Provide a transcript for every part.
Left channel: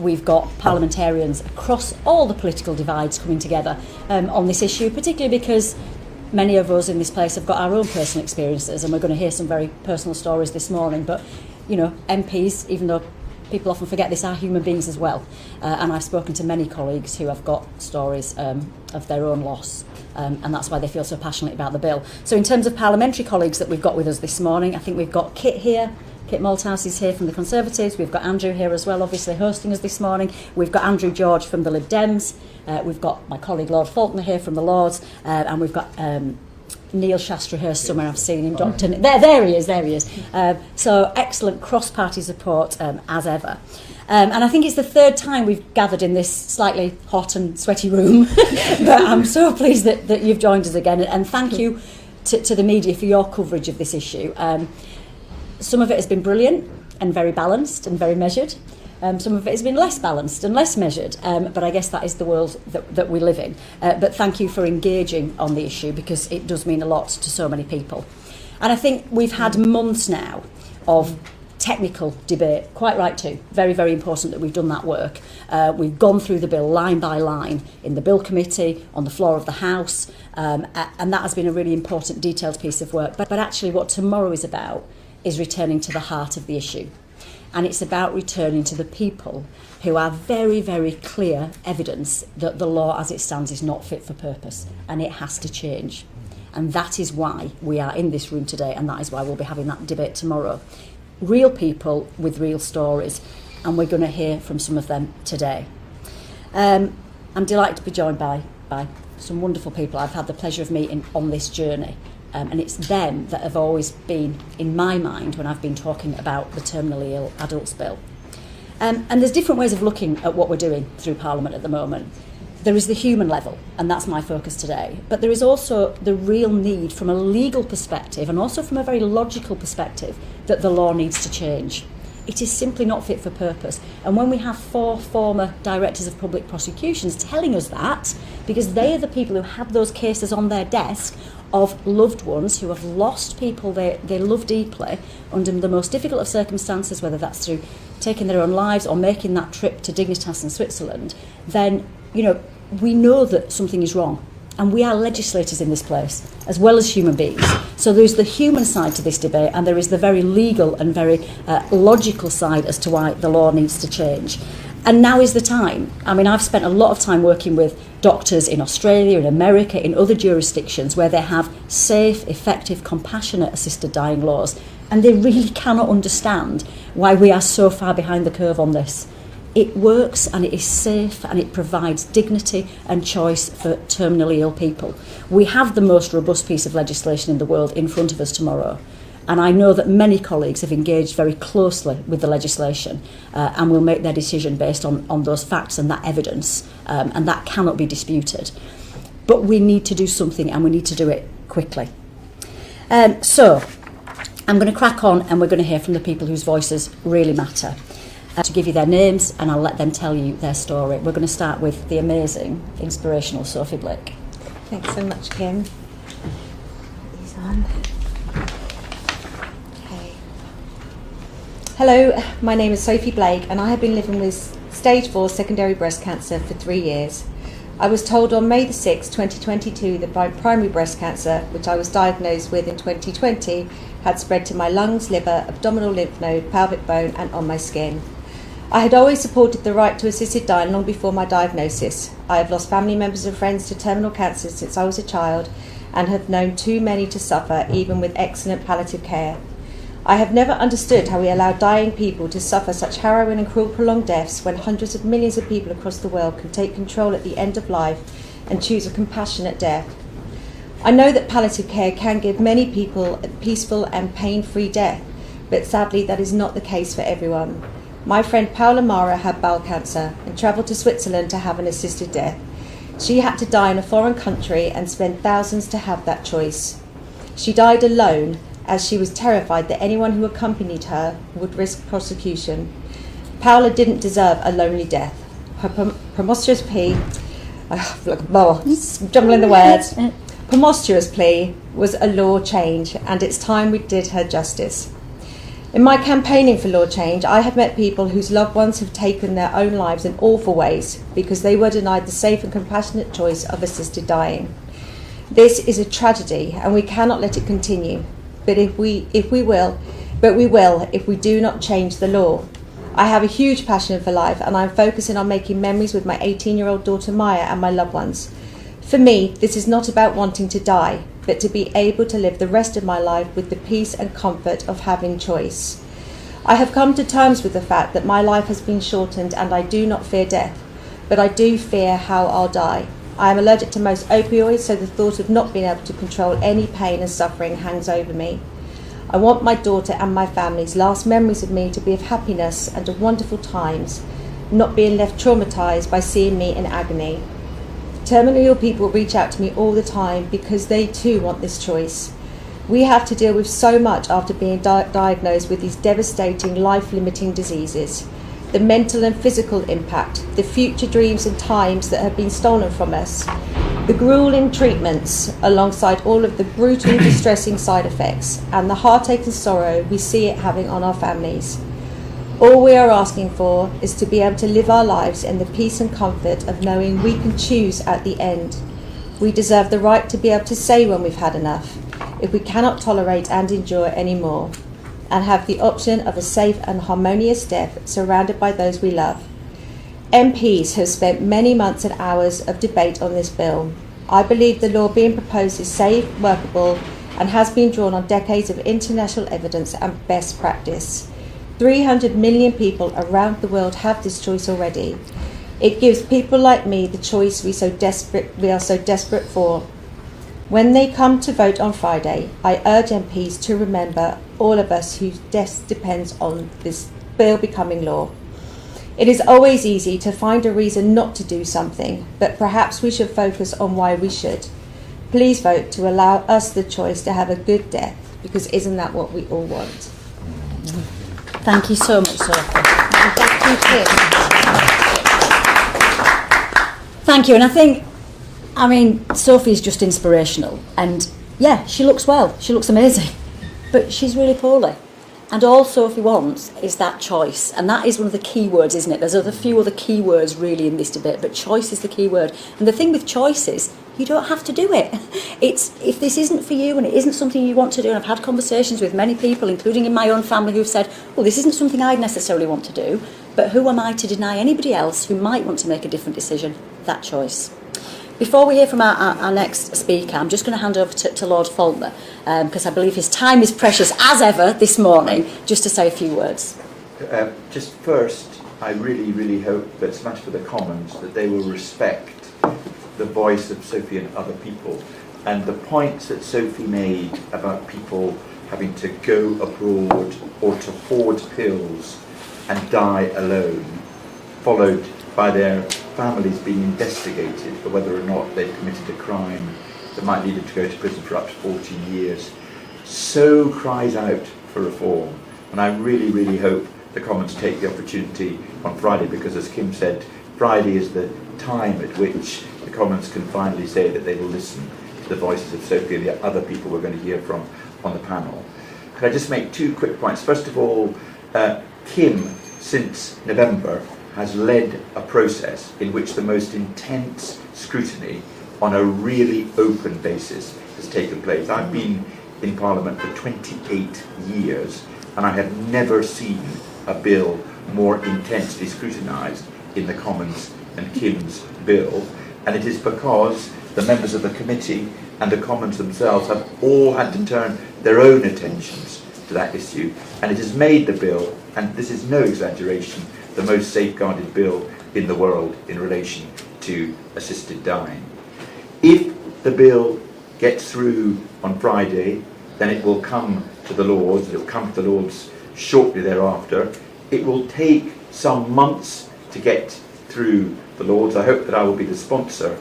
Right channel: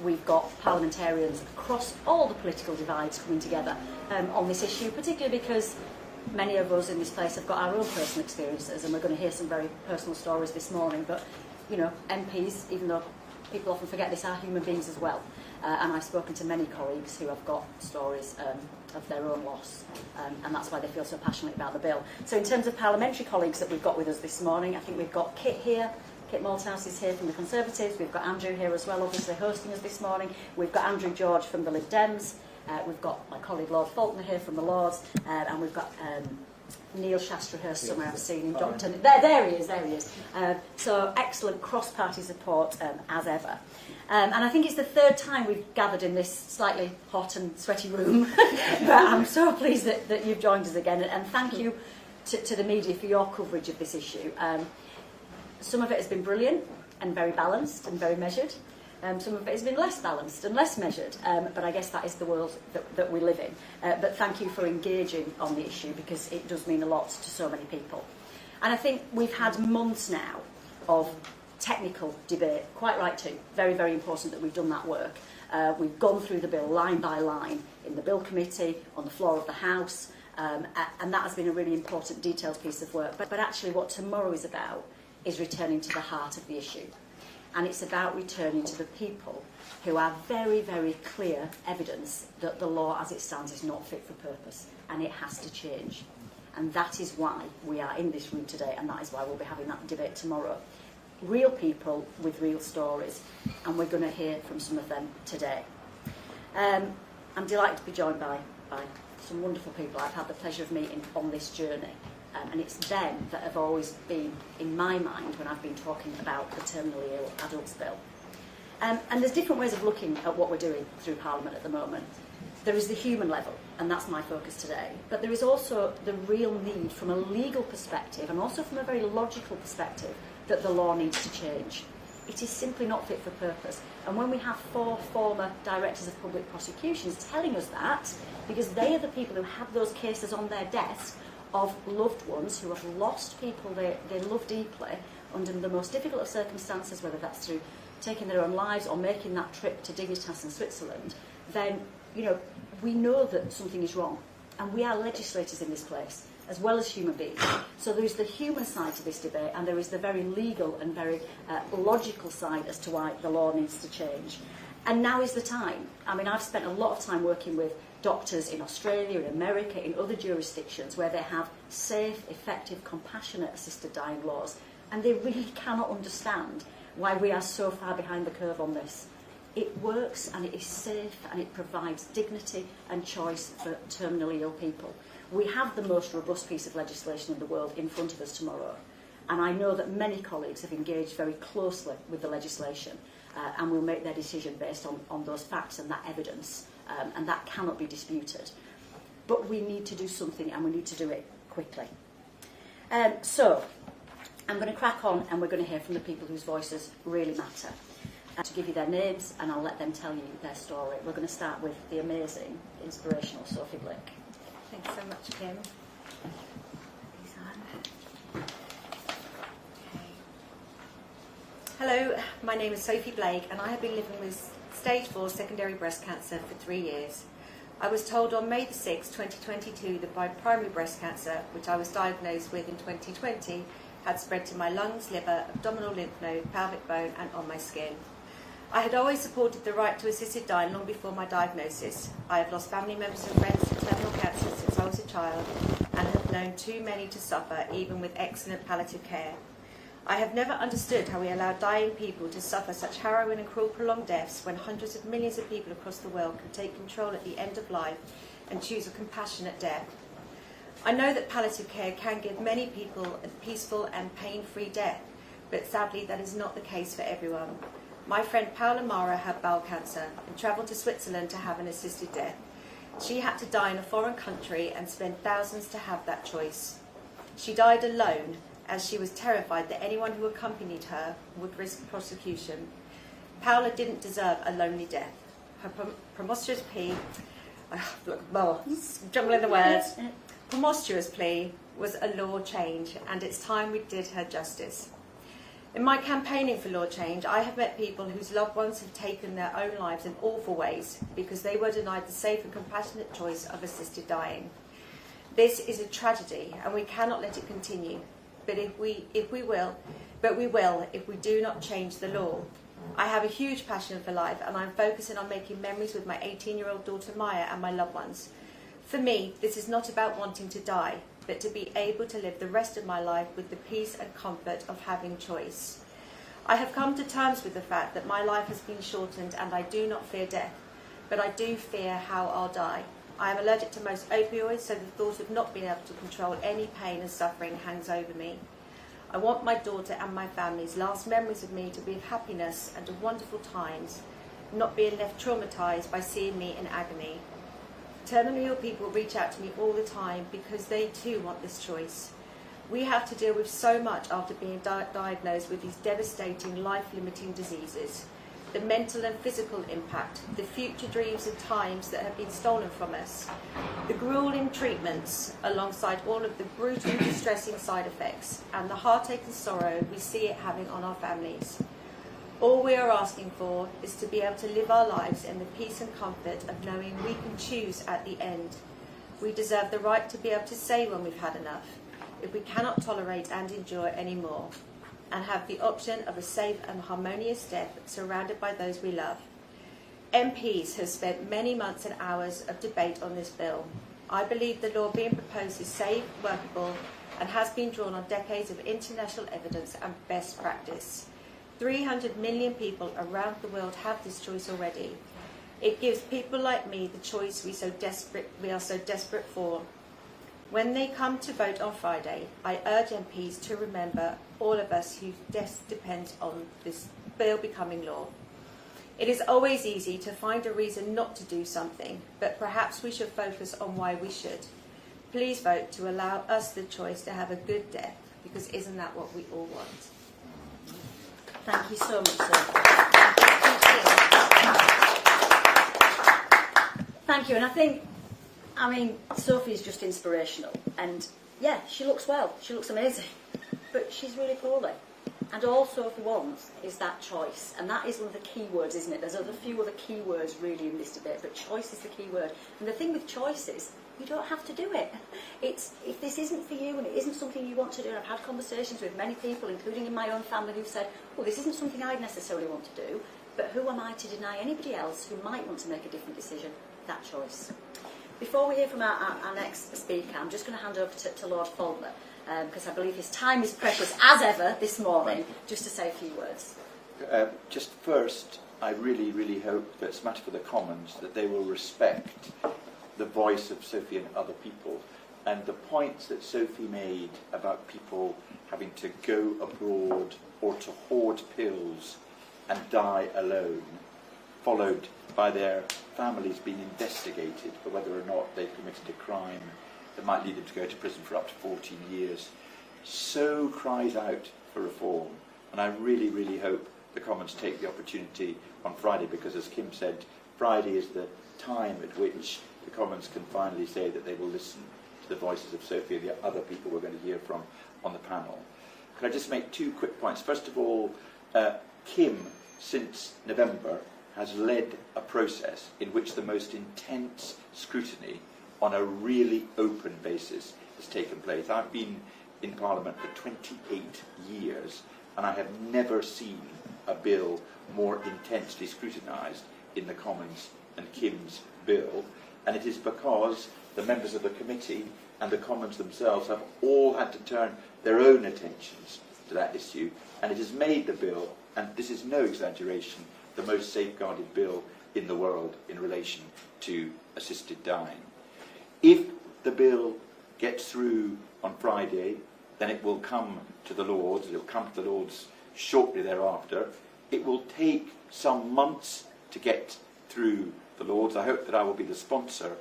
we've got parliamentarians across all the political divides coming together on this issue, particularly because many of us in this place have got our own personal experiences, and we're going to hear some very personal stories this morning. But, you know, MPs, even though people often forget this, are human beings as well. And I've spoken to many colleagues who have got stories of their own loss, and that's why they feel so passionate about the bill. So in terms of parliamentary colleagues that we've got with us this morning, I think we've got Kit here. Kit Malthouse is here from the Conservatives. We've got Andrew here as well, obviously hosting us this morning. We've got Andrew George from the Lib Dems. We've got my colleague Lord Faulkner here from the Lords, and we've got Neil Shastrahurst somewhere. I've seen him. There he is. So excellent cross-party support as ever. And I think it's the third time we've gathered in this slightly hot and sweaty room. But I'm so pleased that you've joined us again. And thank you to the media for your coverage of this issue. Some of it has been brilliant and very balanced and very measured. Some of it has been less balanced and less measured, but I guess that is the world that we live in. But thank you for engaging on the issue, because it does mean a lot to so many people. And I think we've had months now of technical debate, quite right too. Very, very important that we've done that work. We've gone through the bill line by line in the Bill Committee, on the floor of the House, and that has been a really important, detailed piece of work. But actually what tomorrow is about is returning to the heart of the issue. And it's about returning to the people who are very, very clear evidence that the law as it stands is not fit for purpose, and it has to change. And that is why we are in this room today, and that is why we'll be having that debate tomorrow. Real people with real stories, and we're going to hear from some of them today. I'm delighted to be joined by some wonderful people I've had the pleasure of meeting on this journey. And it's them that have always been in my mind when I've been talking about the terminally ill adults bill. And there's different ways of looking at what we're doing through Parliament at the moment. There is the human level, and that's my focus today. But there is also the real need from a legal perspective, and also from a very logical perspective, that the law needs to change. It is simply not fit for purpose. And when we have 4 former directors of public prosecutions telling us that, because they are the people who have those cases on their desk of loved ones who have lost people they love deeply under the most difficult of circumstances, whether that's through taking their own lives or making that trip to Dignitas in Switzerland, then, you know, we know that something is wrong. And we are legislators in this place, as well as human beings. So there's the human side to this debate, and there is the very legal and very logical side as to why the law needs to change. And now is the time. I mean, I've spent a lot of time working with doctors in Australia, in America, in other jurisdictions where they have safe, effective, compassionate assisted dying laws. And they really cannot understand why we are so far behind the curve on this. It works, and it is safe, and it provides dignity and choice for terminally ill people. We have the most robust piece of legislation in the world in front of us tomorrow. And I know that many colleagues have engaged very closely with the legislation and will make their decision based on those facts and that evidence, and that cannot be disputed. But we need to do something, and we need to do it quickly. So I'm going to crack on, and we're going to hear from the people whose voices really matter. To give you their names, and I'll let them tell you their story. We're going to start with the amazing, inspirational Sophie Blake. Thanks so much, Kim. These on. Hello, my name is Sophie Blake, and I have been living with stage 4 secondary breast cancer for 3 years. I was told on May the 6th, 2022 that my primary breast cancer, which I was diagnosed with in 2020, had spread to my lungs, liver, abdominal lymph node, pelvic bone and on my skin. I had always supported the right to assisted dying long before my diagnosis. I have lost family members and friends to terminal cancer since I was a child, and have known too many to suffer, even with excellent palliative care. I have never understood how we allow dying people to suffer such harrowing and cruel prolonged deaths when hundreds of millions of people across the world can take control at the end of life and choose a compassionate death. I know that palliative care can give many people a peaceful and pain-free death, but sadly that is not the case for everyone. My friend Pamela had bowel cancer and travelled to Switzerland to have an assisted death. She had to die in a foreign country and spend thousands to have that choice. She died alone, as she was terrified that anyone who accompanied her would risk prosecution. Paola didn't deserve a lonely death. Her preposterous plea, jumbling the words, preposterous plea was a law change, and it's time we did her justice. In my campaigning for law change, I have met people whose loved ones have taken their own lives in awful ways because they were denied the safe and compassionate choice of assisted dying. This is a tragedy and we cannot let it continue. But we will if we do not change the law. I have a huge passion for life and I'm focusing on making memories with my 18-year-old daughter Maya and my loved ones. For me, this is not about wanting to die, but to be able to live the rest of my life with the peace and comfort of having choice. I have come to terms with the fact that my life has been shortened and I do not fear death, but I do fear how I'll die. I am allergic to most opioids, so the thought of not being able to control any pain and suffering hangs over me. I want my daughter and my family's last memories of me to be of happiness and of wonderful times, not being left traumatised by seeing me in agony. Terminally ill people reach out to me all the time because they too want this choice. We have to deal with so much after being diagnosed with these devastating, life-limiting diseases. The mental and physical impact, the future dreams and times that have been stolen from us, the grueling treatments alongside all of the brutally distressing side effects, and the heartache and sorrow we see it having on our families. All we are asking for is to be able to live our lives in the peace and comfort of knowing we can choose at the end. We deserve the right to be able to say when we've had enough, if we cannot tolerate and endure anymore, and have the option of a safe and harmonious death surrounded by those we love. MPs have spent many months and hours of debate on this bill. I believe the law being proposed is safe, workable, and has been drawn on decades of international evidence and best practice. 300 million people around the world have this choice already. It gives people like me the choice we are so desperate for. When they come to vote on Friday, I urge MPs to remember all of us whose death depends on this bill becoming law. It is always easy to find a reason not to do something, but perhaps we should focus on why we should. Please vote to allow us the choice to have a good death, because isn't that what we all want? Thank you so much, Sophie. Thank you. And I mean, Sophie's just inspirational. And yeah, she looks well. She looks amazing. But she's really poorly. And all Sophie wants is that choice. And that is one of the key words, isn't it? There's a few other key words really in this debate, but choice is the key word. And the thing with choice is, you don't have to do it. It's if this isn't for you and it isn't something you want to do, and I've had conversations with many people, including in my own family, who've said, well, this isn't something I'd necessarily want to do, but who am I to deny anybody else who might want to make a different decision that choice? Before we hear from our next speaker, I'm just going to hand over to Lord Faulkner, because I believe his time is precious as ever this morning, just to say a few words. Just first, I really, really hope that it's much for the Commons that they will respect the voice of Sophie and other people, and the points that Sophie made about people having to go abroad or to hoard pills and die alone, followed by their families being investigated for whether or not they committed a crime that might lead them to go to prison for up to 14 years, so cries out for reform. And I really, really hope the Commons take the opportunity on Friday, because as Kim said, Friday is the time at which the Commons can finally say that they will listen to the voices of Sophie and the other people we're going to hear from on the panel. Can I just make two quick points? First of all, Kim, since November, has led a process in which the most intense scrutiny on a really open basis has taken place. I've been in Parliament for 28 years and I have never seen a bill more intensely scrutinised in the Commons than Kim's bill, and it is because the members of the committee and the Commons themselves have all had to turn their own attentions to that issue, and it has made the bill, and this is no exaggeration, the most safeguarded bill in the world in relation to assisted dying. If the bill gets through on Friday, then it will come to the Lords, it will come to the Lords shortly thereafter. It will take some months to get through the Lords. I hope that I will be the sponsor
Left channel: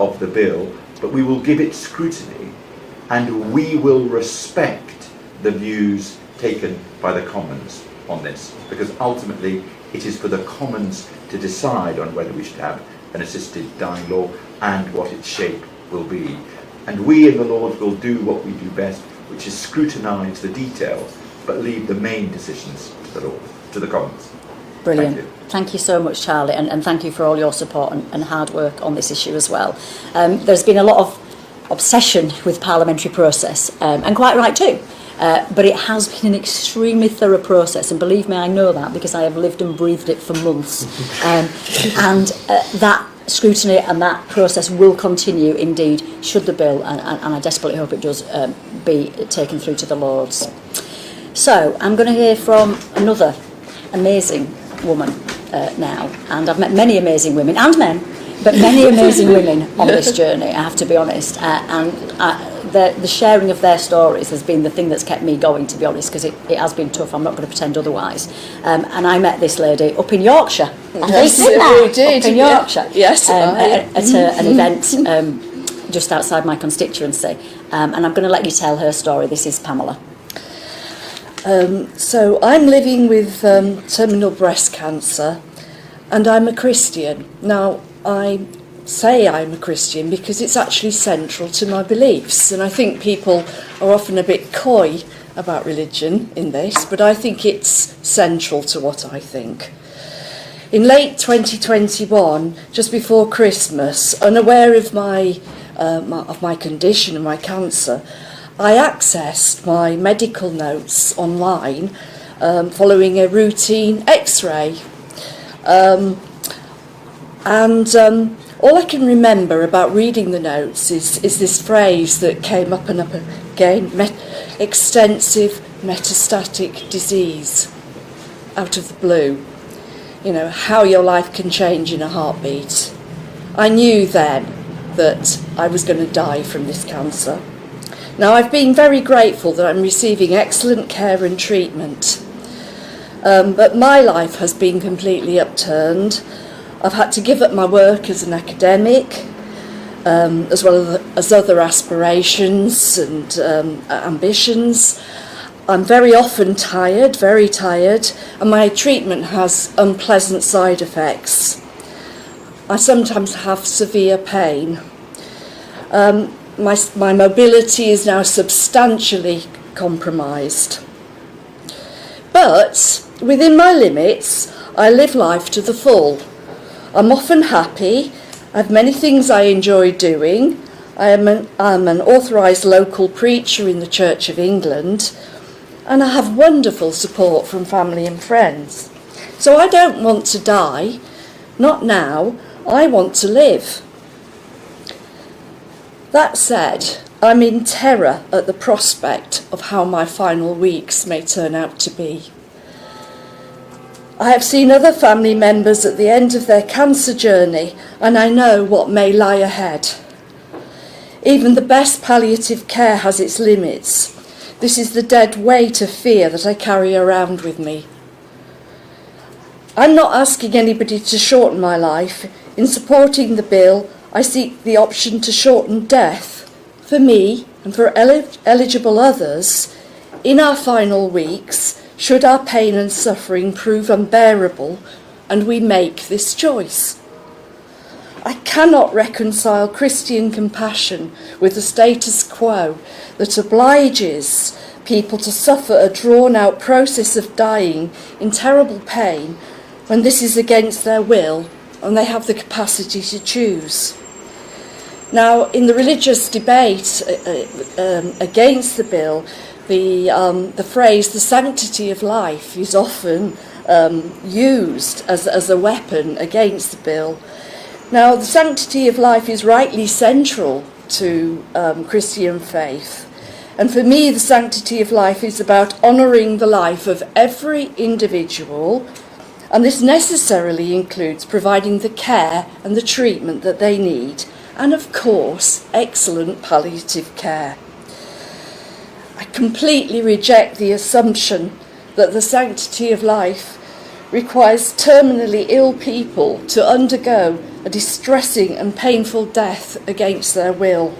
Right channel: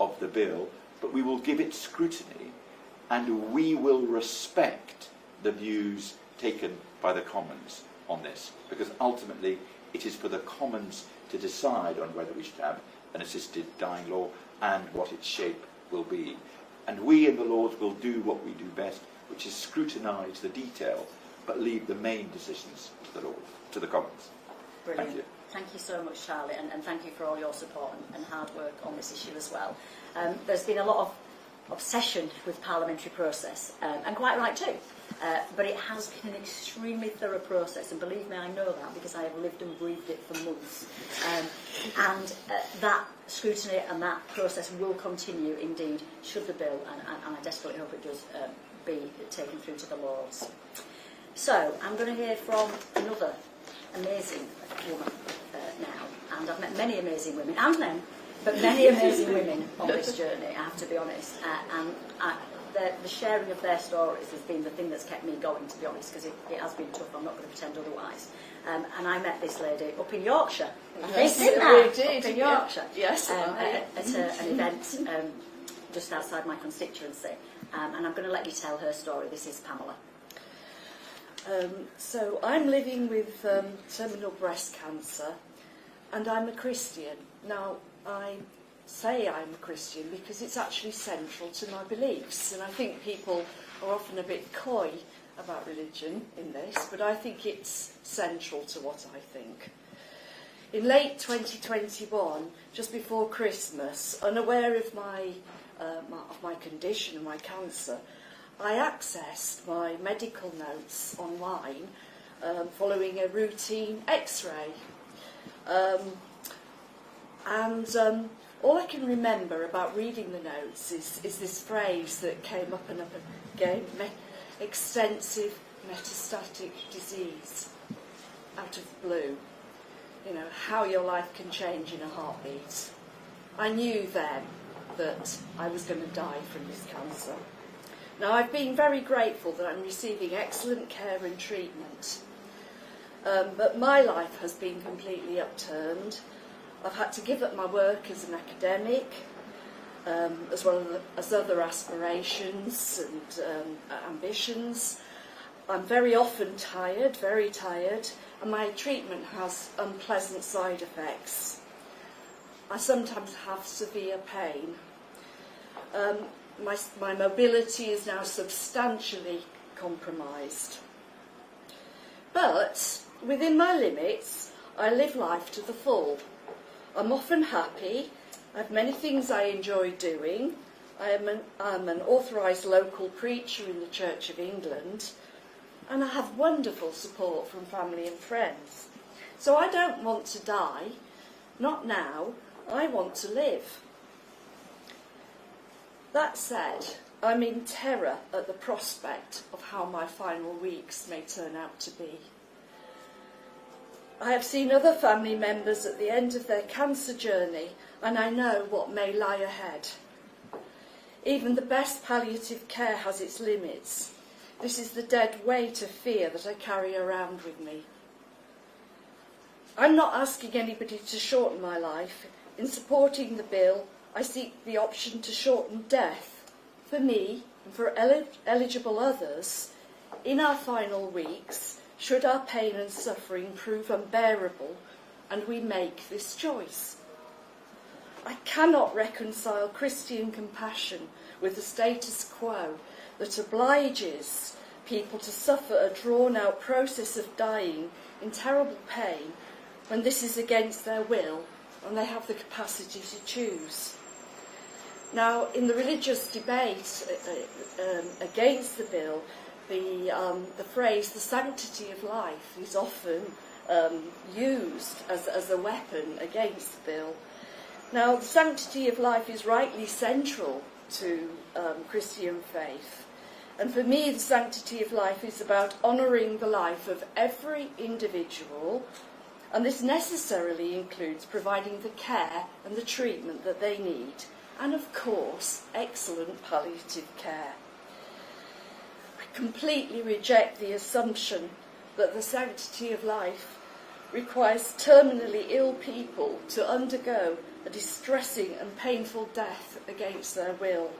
of the bill, but we will give it scrutiny and we will respect the views taken by the Commons on this, because ultimately it is for the Commons to decide on whether we should have an assisted dying law and what its shape will be. And we in the Lords will do what we do best, which is scrutinise the detail but leave the main decisions to the Commons. Brilliant. Thank you. Thank you so much, Charlie, and thank you for all your support and hard work on this issue as well. There's been a lot of obsession with parliamentary process, and quite right too. But it has been an extremely thorough process, and believe me, I know that because I have lived and breathed it for months. And that scrutiny and that process will continue indeed, should the bill, and I desperately hope it does, be taken through to the Lords. So I'm going to hear from another amazing woman now, and I've met many amazing women and men, but many amazing women on this journey, I have to be honest, the sharing of their stories has been the thing that's kept me going, to be honest, because it has been tough. I'm not going to pretend otherwise. And I met this lady up in Yorkshire. Yes, we did. Up in Yorkshire. Yes. At an event just outside my constituency. And I'm going to let you tell her story. This is Pamela. So I'm living with terminal breast cancer, and I'm a Christian. Now, I say I'm a Christian because it's actually central to my beliefs, and I think people are often a bit coy about religion in this, but I think it's central to what I think. In late 2021, just before Christmas, unaware of my condition and my cancer, I accessed my medical notes online following a routine x-ray. All I can remember about reading the notes is this phrase that came up and up again, extensive metastatic disease, out of the blue. You know, how your life can change in a heartbeat. I knew then that I was going to die from this cancer. Now, I've been very grateful that I'm receiving excellent care and treatment, but my life has been completely upturned. I've had to give up my work as an academic, as well as other aspirations and ambitions. I'm very often tired, very tired, and my treatment has unpleasant side effects. I sometimes have severe pain. My mobility is now substantially compromised. But within my limits, I live life to the full. I'm often happy. I have many things I enjoy doing. I'm an authorised local preacher in the Church of England, and I have wonderful support from family and friends. So I don't want to die, not now. I want to live. That said, I'm in terror at the prospect of how my final weeks may turn out to be. I have seen other family members at the end of their cancer journey, and I know what may lie ahead. Even the best palliative care has its limits. This is the dead weight of fear that I carry around with me. I'm not asking anybody to shorten my life. In supporting the bill, I seek the option to shorten death for me and for eligible others in our final weeks, should our pain and suffering prove unbearable and we make this choice. I cannot reconcile Christian compassion with the status quo that obliges people to suffer a drawn-out process of dying in terrible pain when this is against their will and they have the capacity to choose. Now, in the religious debate against the bill, the phrase "the sanctity of life" is often used as a weapon against the bill. Now, the sanctity of life is rightly central to Christian faith, and for me, the sanctity of life is about honouring the life of every individual, and this necessarily includes providing the care and the treatment that they need, and of course, excellent palliative care. I completely reject the assumption that the sanctity of life requires terminally ill people to undergo a distressing and painful death against their will.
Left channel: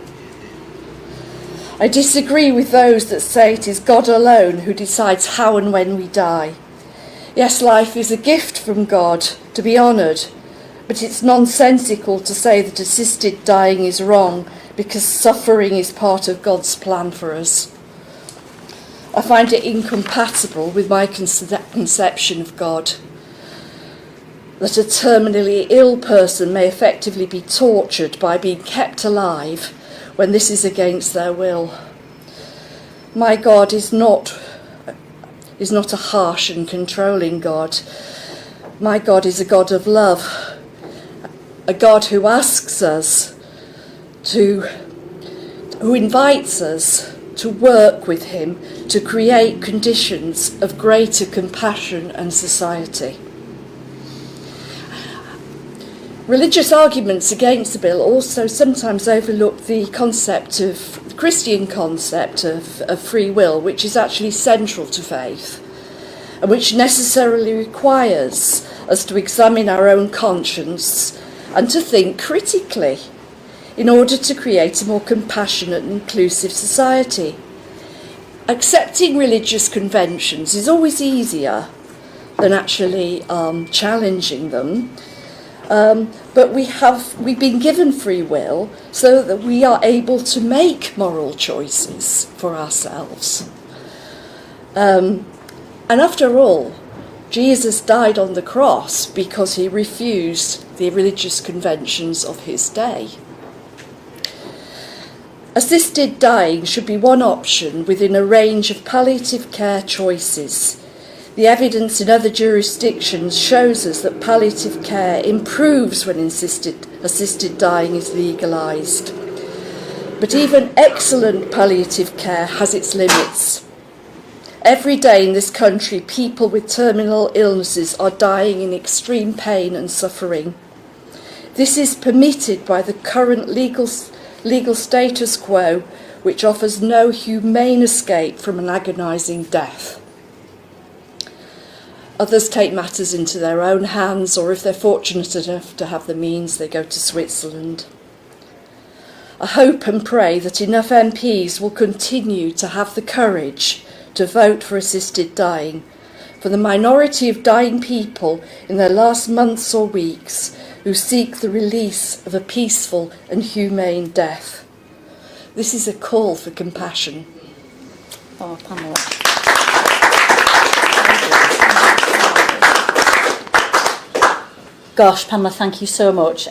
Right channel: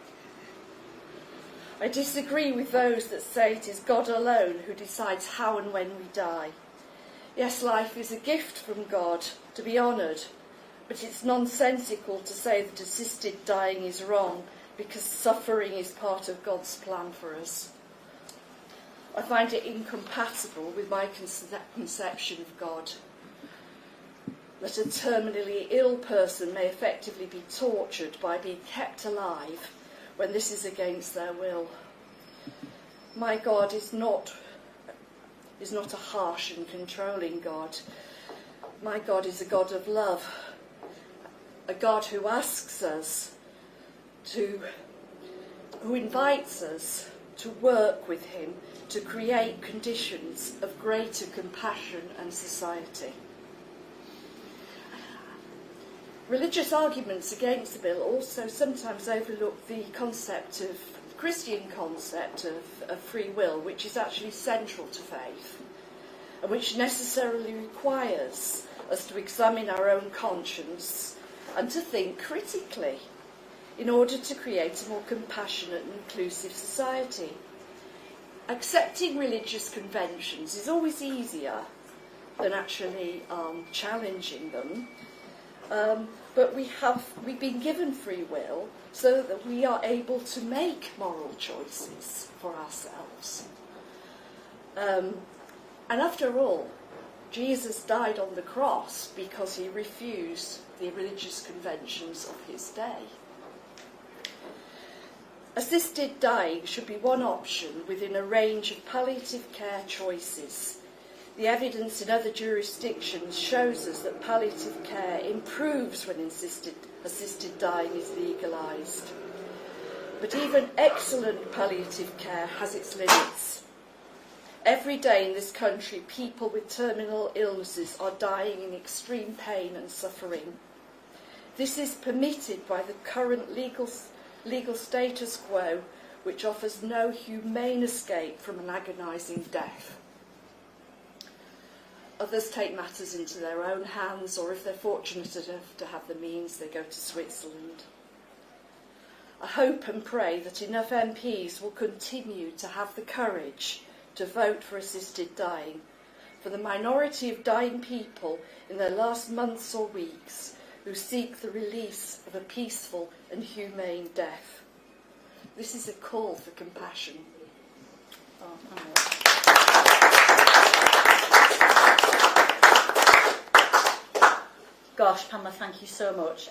I disagree with those that say it is God alone who decides how and when we die. Yes, life is a gift from God to be honoured, but it's nonsensical to say that assisted dying is wrong because suffering is part of God's plan for us. I find it incompatible with my conception of God. That a terminally ill person may effectively be tortured by being kept alive when this is against their will. My God is not a harsh and controlling God. My God is a God of love, a God who asks us who invites us to work with him to create conditions of greater compassion and society. Religious arguments against the bill also sometimes overlook the Christian concept of free will, which is actually central to faith, and which necessarily requires us to examine our own conscience and to think critically in order to create a more compassionate and inclusive society. Accepting religious conventions is always easier than actually challenging them. But we've been given free will so that we are able to make moral choices for ourselves. And after all, Jesus died on the cross because he refused the religious conventions of his day. Assisted dying should be one option within a range of palliative care choices. The evidence in other jurisdictions shows us that palliative care improves when assisted dying is legalised. But even excellent palliative care has its limits. Every day in this country, people with terminal illnesses are dying in extreme pain and suffering. This is permitted by the current legal status quo, which offers no humane escape from an agonising death. Others take matters into their own hands, or if they're fortunate enough to have the means, they go to Switzerland. I hope and pray that enough MPs will continue to have the courage to vote for assisted dying, for the minority of dying people in their last months or weeks who seek the release of a peaceful and humane death. This is a call for compassion. Oh, Pamela. Gosh, Pamela, thank you so much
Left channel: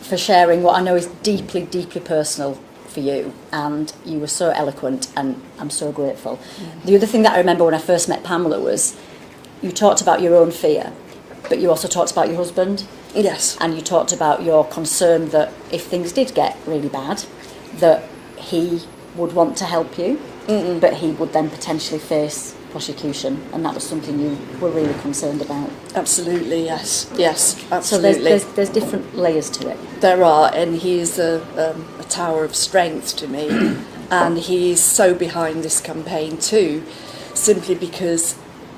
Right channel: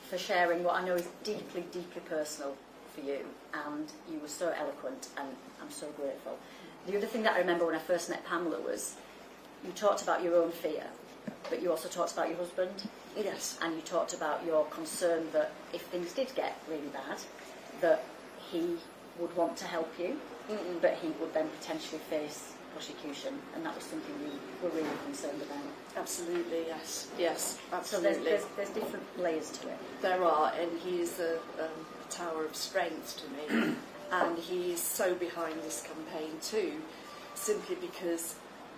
for sharing what I know is deeply, deeply personal for you, and you were so eloquent, and I'm so grateful. The other thing that I remember when I first met Pamela was you talked about your own fear, but you also talked about your husband. Yes. And you talked about your concern that if things did get really bad, that he would want to help you, but he would then potentially face prosecution, and that was something you were really concerned about. Absolutely, yes, absolutely. So there's different layers to it. There are, and he is a tower of strength to me, and he is so behind this campaign too, simply because,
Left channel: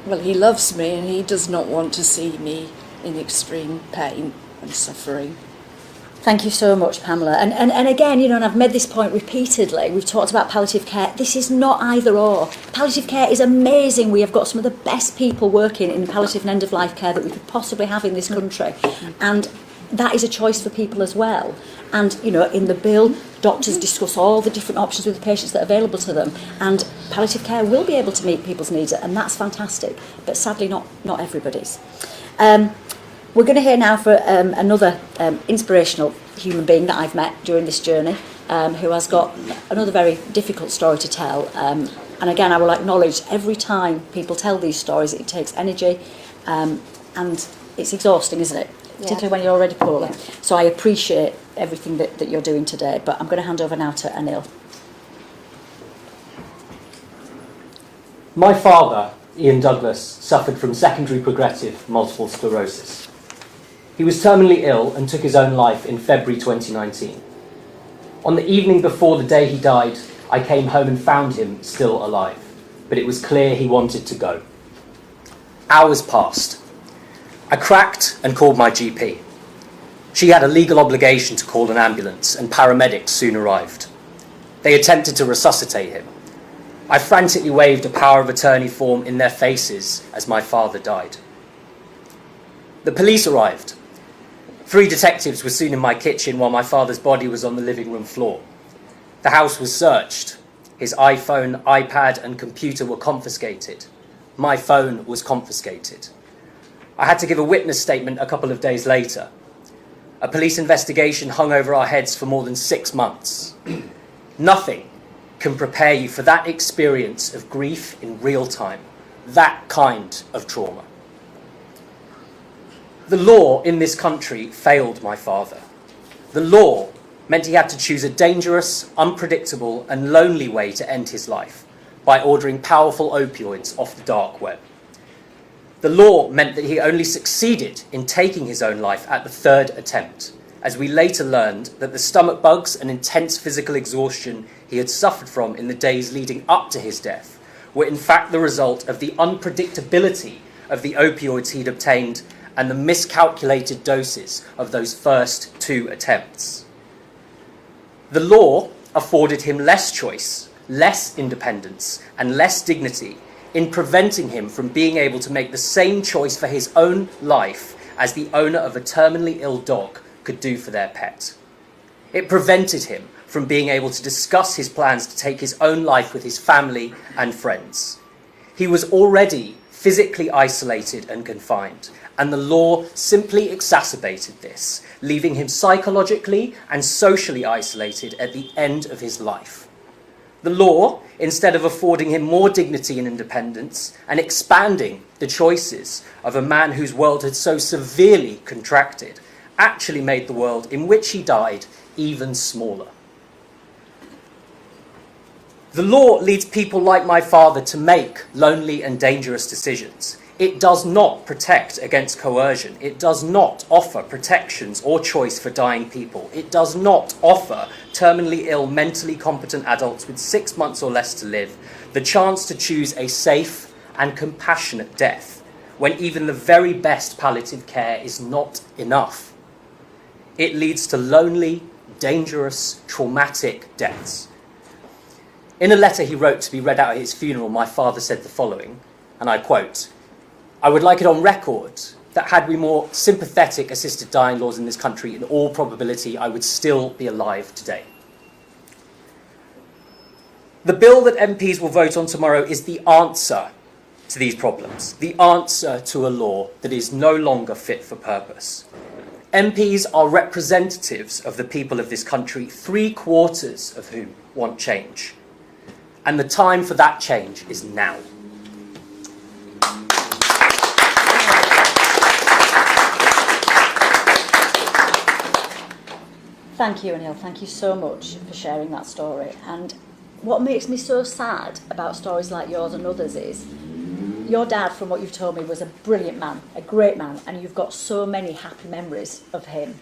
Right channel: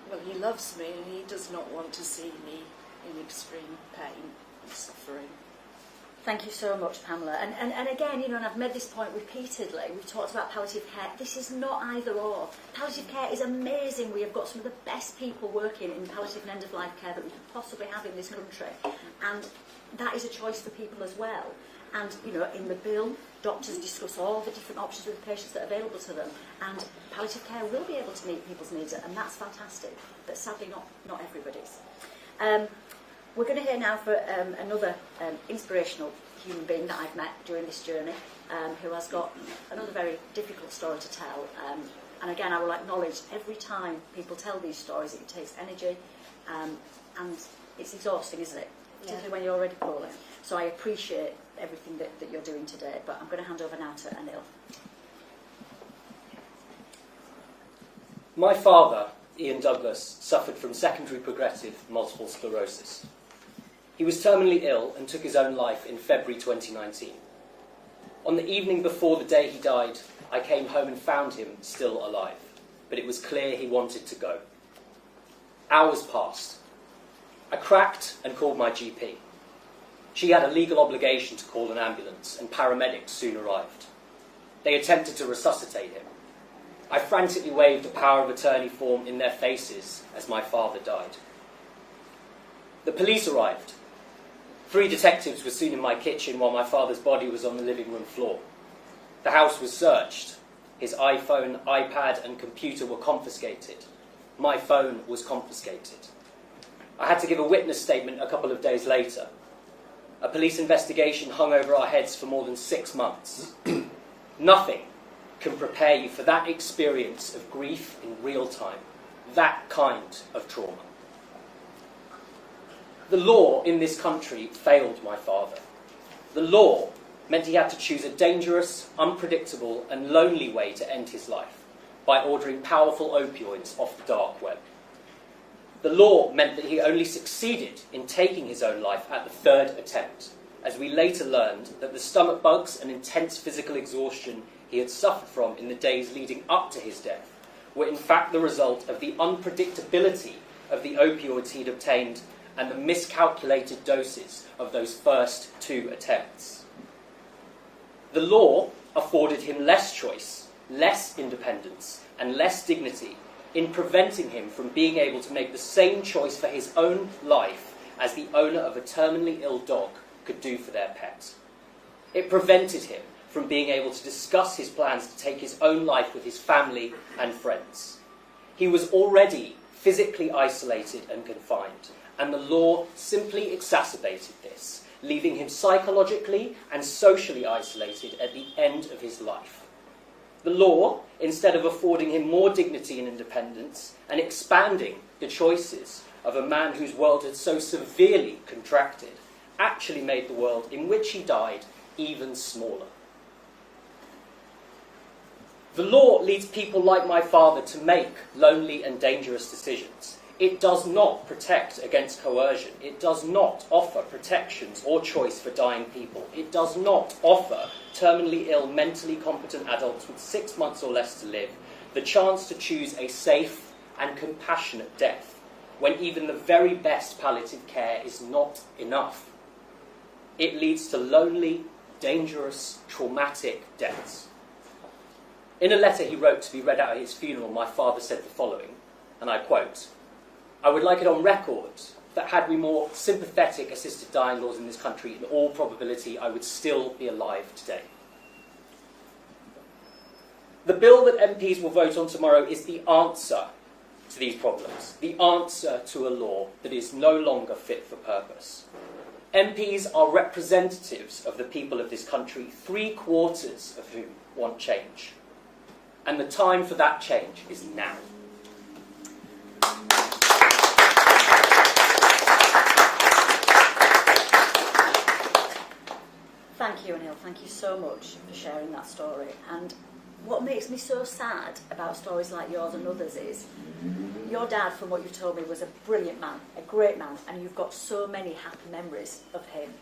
well, he loves me and he does not want to see me in extreme pain and suffering. Thank you so much, Pamela. And again, and I've made this point repeatedly, we've talked about palliative care. This is not either or. Palliative care is amazing. We have got some of the best people working in palliative and end-of-life care that we could possibly have in this country. And that is a choice for people as well. And, in the bill, doctors discuss all the different options with the patients that are available to them. And palliative care will be able to meet people's needs, and that's fantastic. But sadly, not everybody's. We're going to hear now for another inspirational human being that I've met during this journey, who has got another very difficult story to tell. And again, I will acknowledge every time people tell these stories, it takes energy, and it's exhausting, isn't it? Yeah. Particularly when you're already poorly. So I appreciate everything that you're doing today, but I'm going to hand over now to Anil. My father, Ian Douglas, suffered from secondary progressive multiple sclerosis. He was terminally ill and took his own life in February 2019. On the evening before the day he died, I came home and found him still alive, but it was clear he wanted to go. Hours passed. I cracked and called my GP. She had a legal obligation to call an ambulance, and paramedics soon arrived. They attempted to resuscitate him. I frantically waved a power of attorney form in their faces as my father died. The police arrived. 3 detectives were soon in my kitchen while my father's body was on the living room floor. The house was searched. His iPhone, iPad and computer were confiscated. My phone was confiscated. I had to give a witness statement a couple of days later. A police investigation hung over our heads for more than 6 months. Nothing can prepare you for that experience of grief in real time, that kind of trauma. The law in this country failed my father. The law meant he had to choose a dangerous, unpredictable and lonely way to end his life by ordering powerful opioids off the dark web. The law meant that he only succeeded in taking his own life at the 3rd attempt, as we later learned that the stomach bugs and intense physical exhaustion he had suffered from in the days leading up to his death were in fact the result of the unpredictability of the opioids he'd obtained and the miscalculated doses of those first 2 attempts. The law afforded him less choice, less independence, and less dignity in preventing him from being able to make the same choice for his own life as the owner of a terminally ill dog could do for their pet. It prevented him from being able to discuss his plans to take his own life with his family and friends. He was already physically isolated and confined, and the law simply exacerbated this, leaving him psychologically and socially isolated at the end of his life. The law, instead of affording him more dignity and independence and expanding the choices of a man whose world had so severely contracted, actually made the world in which he died even smaller. The law leads people like my father to make lonely and dangerous decisions. It does not protect against coercion. It does not offer protections or choice for dying people. It does not offer terminally ill, mentally competent adults with 6 months or less to live the chance to choose a safe and compassionate death when even the very best palliative care is not enough. It leads to lonely, dangerous, traumatic deaths. In a letter he wrote to be read out at his funeral, my father said the following, and I quote, "I would like it on record that had we more sympathetic assisted dying laws in this country, in all probability I would still be alive today." The bill that MPs will vote on tomorrow is the answer to these problems, the answer to a law that is no longer fit for purpose. MPs are representatives of the people of this country, 3/4 of whom want change. And the time for that change is now. Thank you, Anil. Thank you so much for sharing that story. And what makes me so sad about stories like yours and others is your dad, from what you've told me, was a brilliant man, a great man, and you've got so many happy memories of him.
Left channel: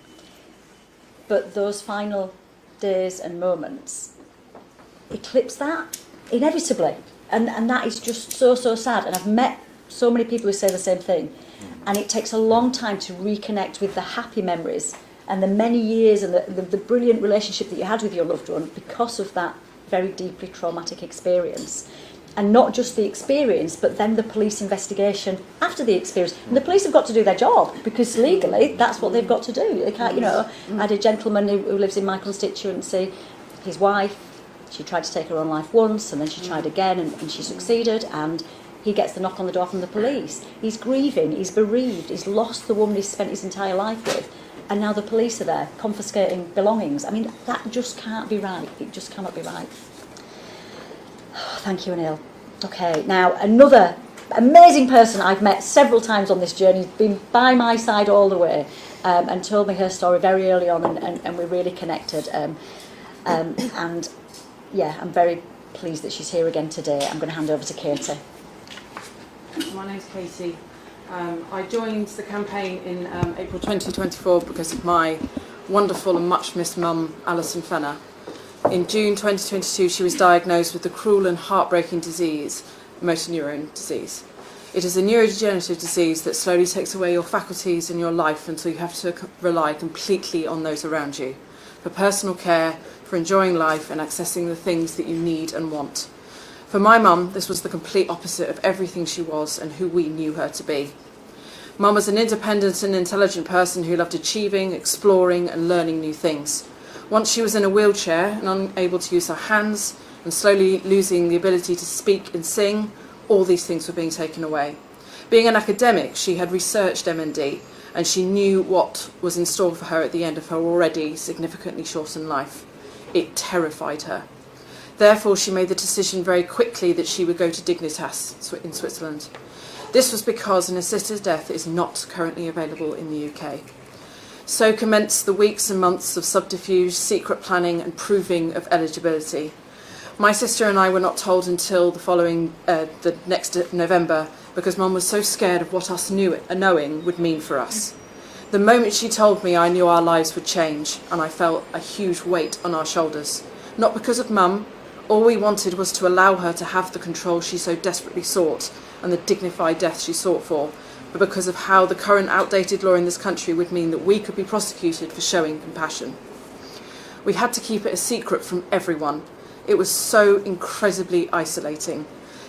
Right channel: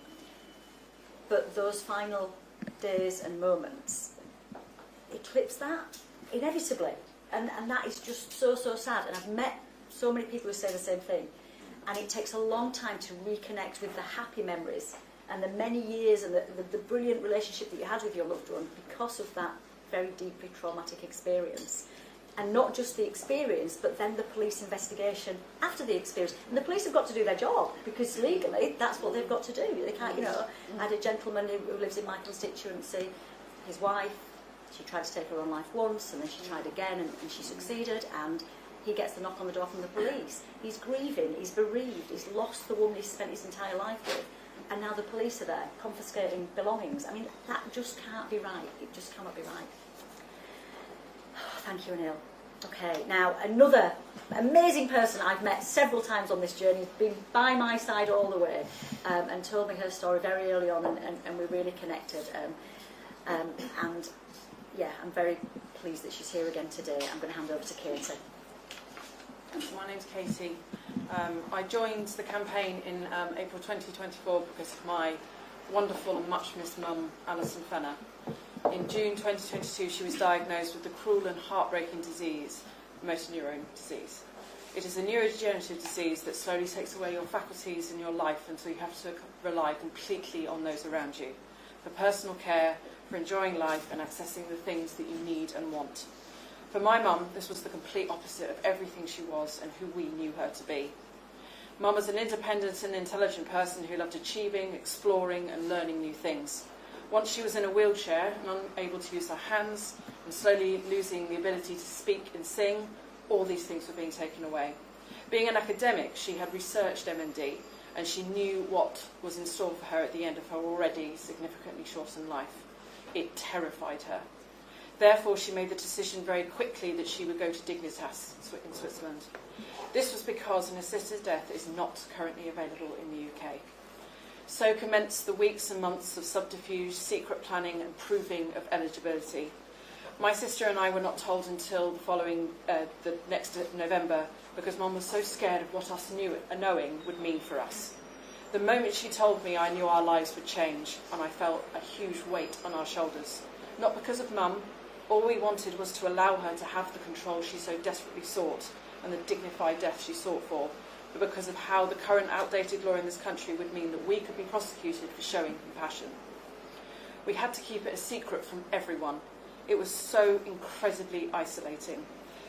But those final days and moments eclipse that, inevitably. And that is just so, so sad. And I've met so many people who say the same thing. And it takes a long time to reconnect with the happy memories and the many years and the brilliant relationship that you had with your loved one because of that very deeply traumatic experience. And not just the experience, but then the police investigation after the experience. And the police have got to do their job, because legally that's what they've got to do. They can't, I had a gentleman who lives in my constituency, his wife, she tried to take her own life once, and then she tried again, and she succeeded, and he gets the knock on the door from the police. He's grieving, he's bereaved, he's lost the woman he's spent his entire life with, and now the police are there confiscating belongings. I mean, that just can't be right. It just cannot be right. Thank you, Anil. Okay, now another amazing person I've met several times on this journey, been by my side all the way, and told me her story very early on, and we really connected. And yeah, I'm very pleased that she's here again today. I'm going to hand over to Katie. My name's Katie. I joined the campaign in April 2024 because of my wonderful and much missed mum, Alison Fenner. In June 2022, she was diagnosed with the cruel and heartbreaking disease, motor neuron disease. It is a neurodegenerative disease that slowly takes away your faculties and your life until you have to rely completely on those around you, for personal care, for enjoying life and accessing the things that you need and want. For my mum, this was the complete opposite of everything she was and who we knew her to be. Mum was an independent and intelligent person who loved achieving, exploring and learning new things. Once she was in a wheelchair and unable to use her hands, and slowly losing the ability to speak and sing. All these things were being taken away. Being an academic, she had researched MND, and she knew what was in store for her at the end of her already significantly shortened life. It terrified her. Therefore, she made the decision very quickly that she would go to Dignitas in Switzerland. This was because an assisted death is not currently available in the UK. So commenced the weeks and months of subterfuge, secret planning and proving of eligibility. My sister and I were not told until the next November, because Mum was so scared of what us knowing would mean for us. The moment she told me, I knew our lives would change, and I felt a huge weight on our shoulders. Not because of Mum. All we wanted was to allow her to have the control she so desperately sought and the dignified death she sought for, but because of how the current outdated law in this country would mean that we could be prosecuted for showing compassion. We had to keep it a secret from everyone. It was so incredibly isolating.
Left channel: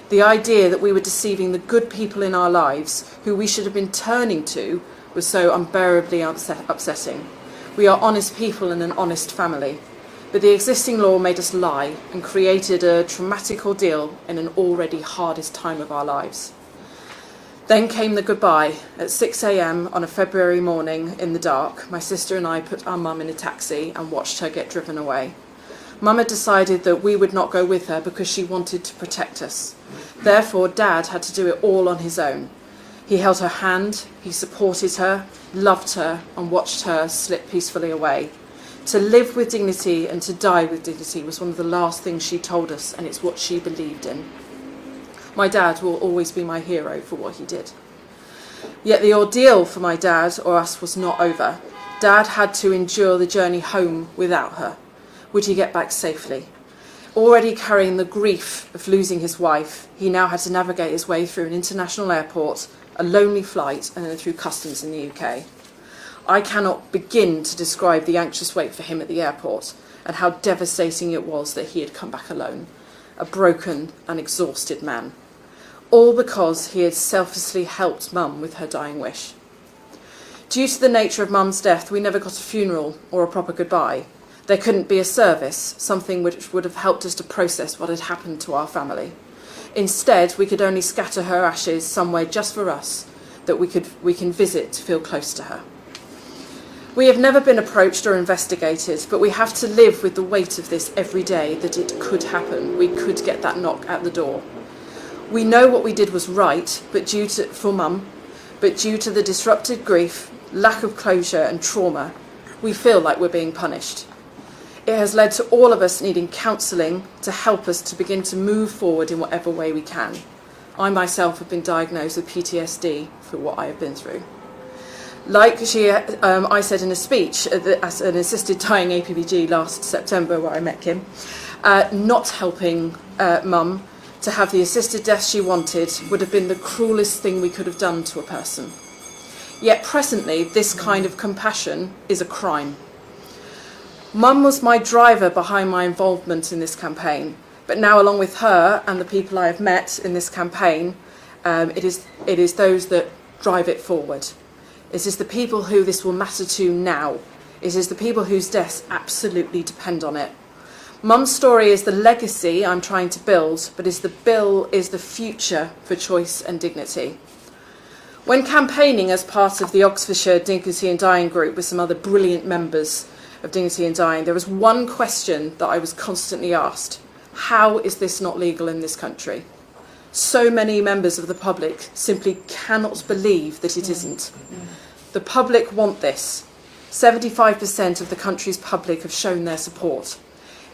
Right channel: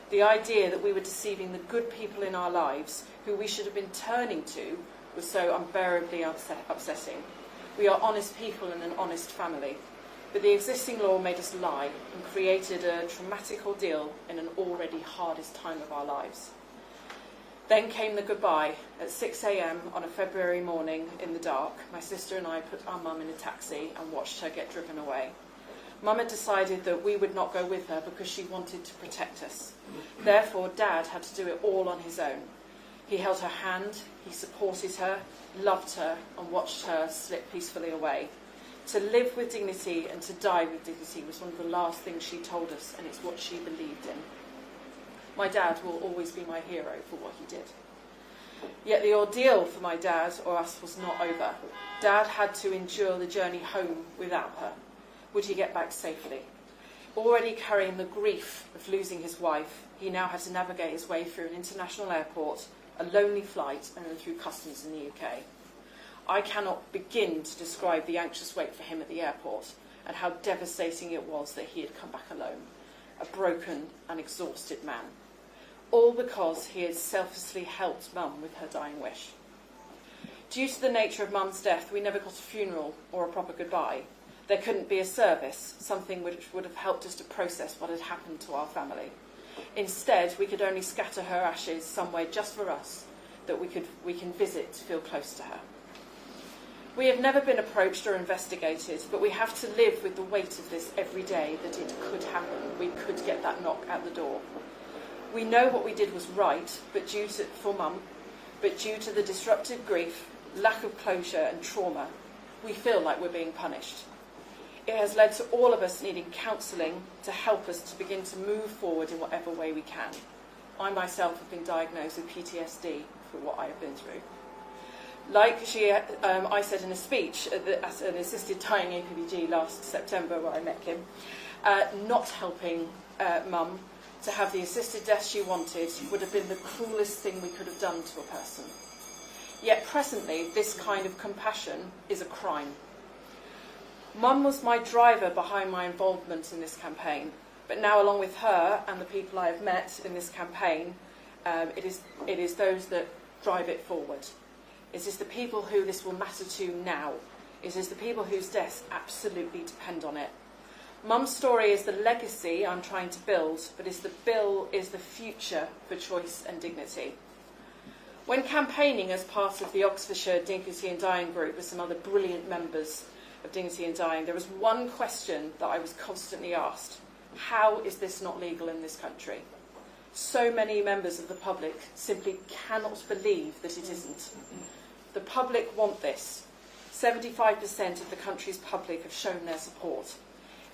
The idea that we were deceiving the good people in our lives, who we should have been turning to, was so unbearably upsetting. We are honest people and an honest family. But the existing law made us lie and created a traumatic ordeal in an already hardest time of our lives. Then came the goodbye. At 6 a.m. on a February morning in the dark, my sister and I put our mum in a taxi and watched her get driven away. Mum had decided that we would not go with her because she wanted to protect us. Therefore, Dad had to do it all on his own. He held her hand, he supported her, loved her, and watched her slip peacefully away. To live with dignity and to die with dignity was one of the last things she told us, and it's what she believed in. My dad will always be my hero for what he did. Yet the ordeal for my dad or us was not over. Dad had to endure the journey home without her. Would he get back safely? Already carrying the grief of losing his wife, he now had to navigate his way through an international airport, a lonely flight, and then through customs in the UK. I cannot begin to describe the anxious wait for him at the airport and how devastating it was that he had come back alone, a broken and exhausted man. All because he had selflessly helped Mum with her dying wish. Due to the nature of Mum's death, we never got a funeral or a proper goodbye. There couldn't be a service, something which would have helped us to process what had happened to our family. Instead, we could only scatter her ashes somewhere just for us that we can visit to feel close to her. We have never been approached or investigated, but we have to live with the weight of this every day, that it could happen. We could get that knock at the door. We know what we did was right, for Mum, but due to the disrupted grief, lack of closure and trauma, we feel like we're being punished. It has led to all of us needing counselling to help us to begin to move forward in whatever way we can. I myself have been diagnosed with PTSD for what I have been through. Like I said in a speech at an assisted dying APPG last September where I met Kim, not helping Mum to have the assisted death she wanted would have been the cruelest thing we could have done to a person. Yet presently, this kind of compassion is a crime. Mum was my driver behind my involvement in this campaign, but now along with her and the people I have met in this campaign, it is those that drive it forward. It is the people who this will matter to now. It is the people whose deaths absolutely depend on it. Mum's story is the legacy I'm trying to build, but the bill is the future for choice and dignity. When campaigning as part of the Oxfordshire Dignity and Dying group with some other brilliant members of Dignity and Dying, there was one question that I was constantly asked. How is this not legal in this country? So many members of the public simply cannot believe that it isn't. The public want this. 75% of the country's public have shown their support.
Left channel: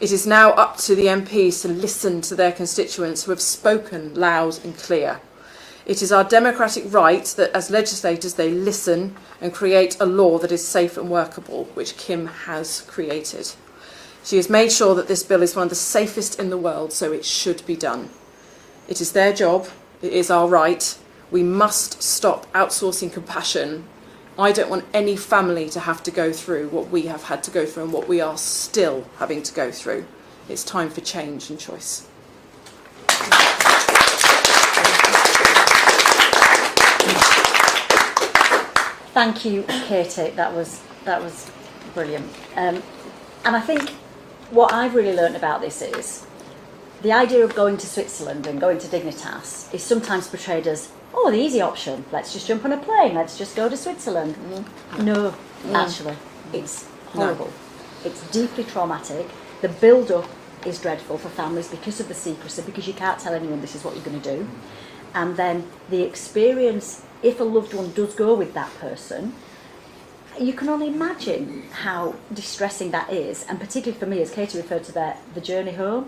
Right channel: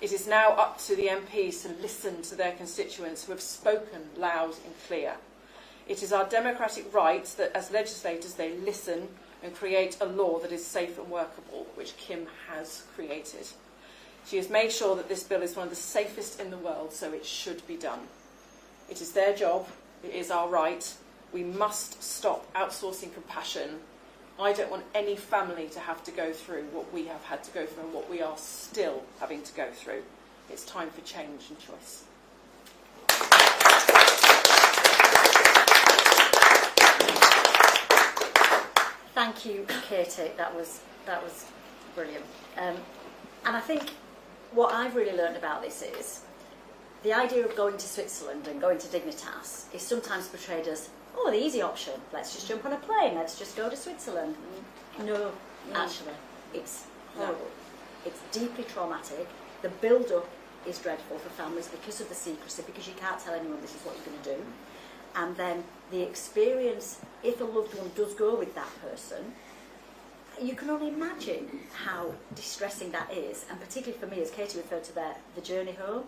It is now up to the MPs to listen to their constituents who have spoken loud and clear. It is our democratic right that as legislators they listen and create a law that is safe and workable, which Kim has created. She has made sure that this bill is one of the safest in the world, so it should be done. It is their job, it is our right. We must stop outsourcing compassion. I don't want any family to have to go through what we have had to go through and what we are still having to go through. It's time for change and choice. Thank you, Katie. That was brilliant. And I think what I've really learned about this is the idea of going to Switzerland and going to Dignitas is sometimes portrayed as, oh, the easy option. Let's just jump on a plane. Let's just go to Switzerland. No, actually, it's horrible. It's deeply traumatic. The build-up is dreadful for families because of the secrecy, because you can't tell anyone this is what you're going to do. And then the experience, if a loved one does go with that person, you can only imagine how distressing that is. And particularly for me, as Katie referred to there, the journey home.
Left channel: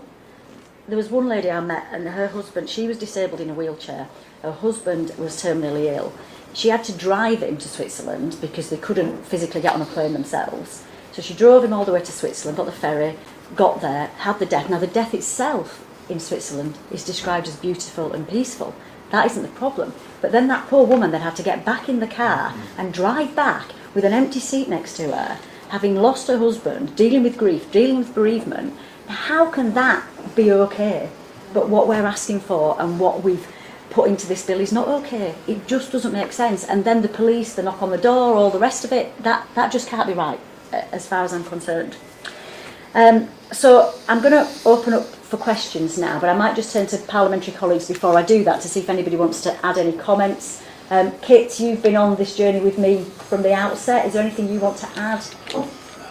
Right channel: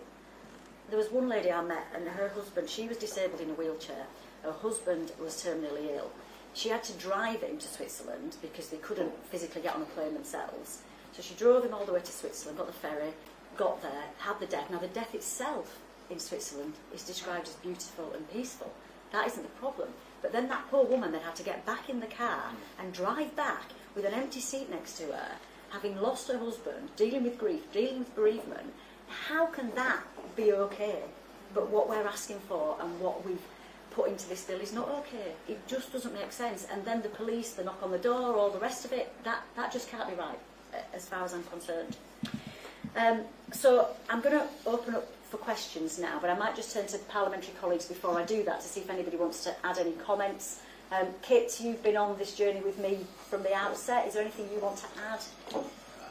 There was one lady I met, and her husband, she was disabled in a wheelchair. Her husband was terminally ill. She had to drive him to Switzerland because they couldn't physically get on a plane themselves. So she drove him all the way to Switzerland, got the ferry, got there, had the death. Now the death itself in Switzerland is described as beautiful and peaceful. That isn't the problem. But then that poor woman then had to get back in the car and drive back with an empty seat next to her, having lost her husband, dealing with grief, dealing with bereavement. How can that be okay? But what we're asking for and what we've put into this bill is not okay. It just doesn't make sense. And then the police, the knock on the door, all the rest of it, that just can't be right, as far as I'm concerned. So I'm going to open up for questions now, but I might just turn to parliamentary colleagues before I do that to see if anybody wants to add any comments. Kit, you've been on this journey with me from the outset. Is there anything you want to add?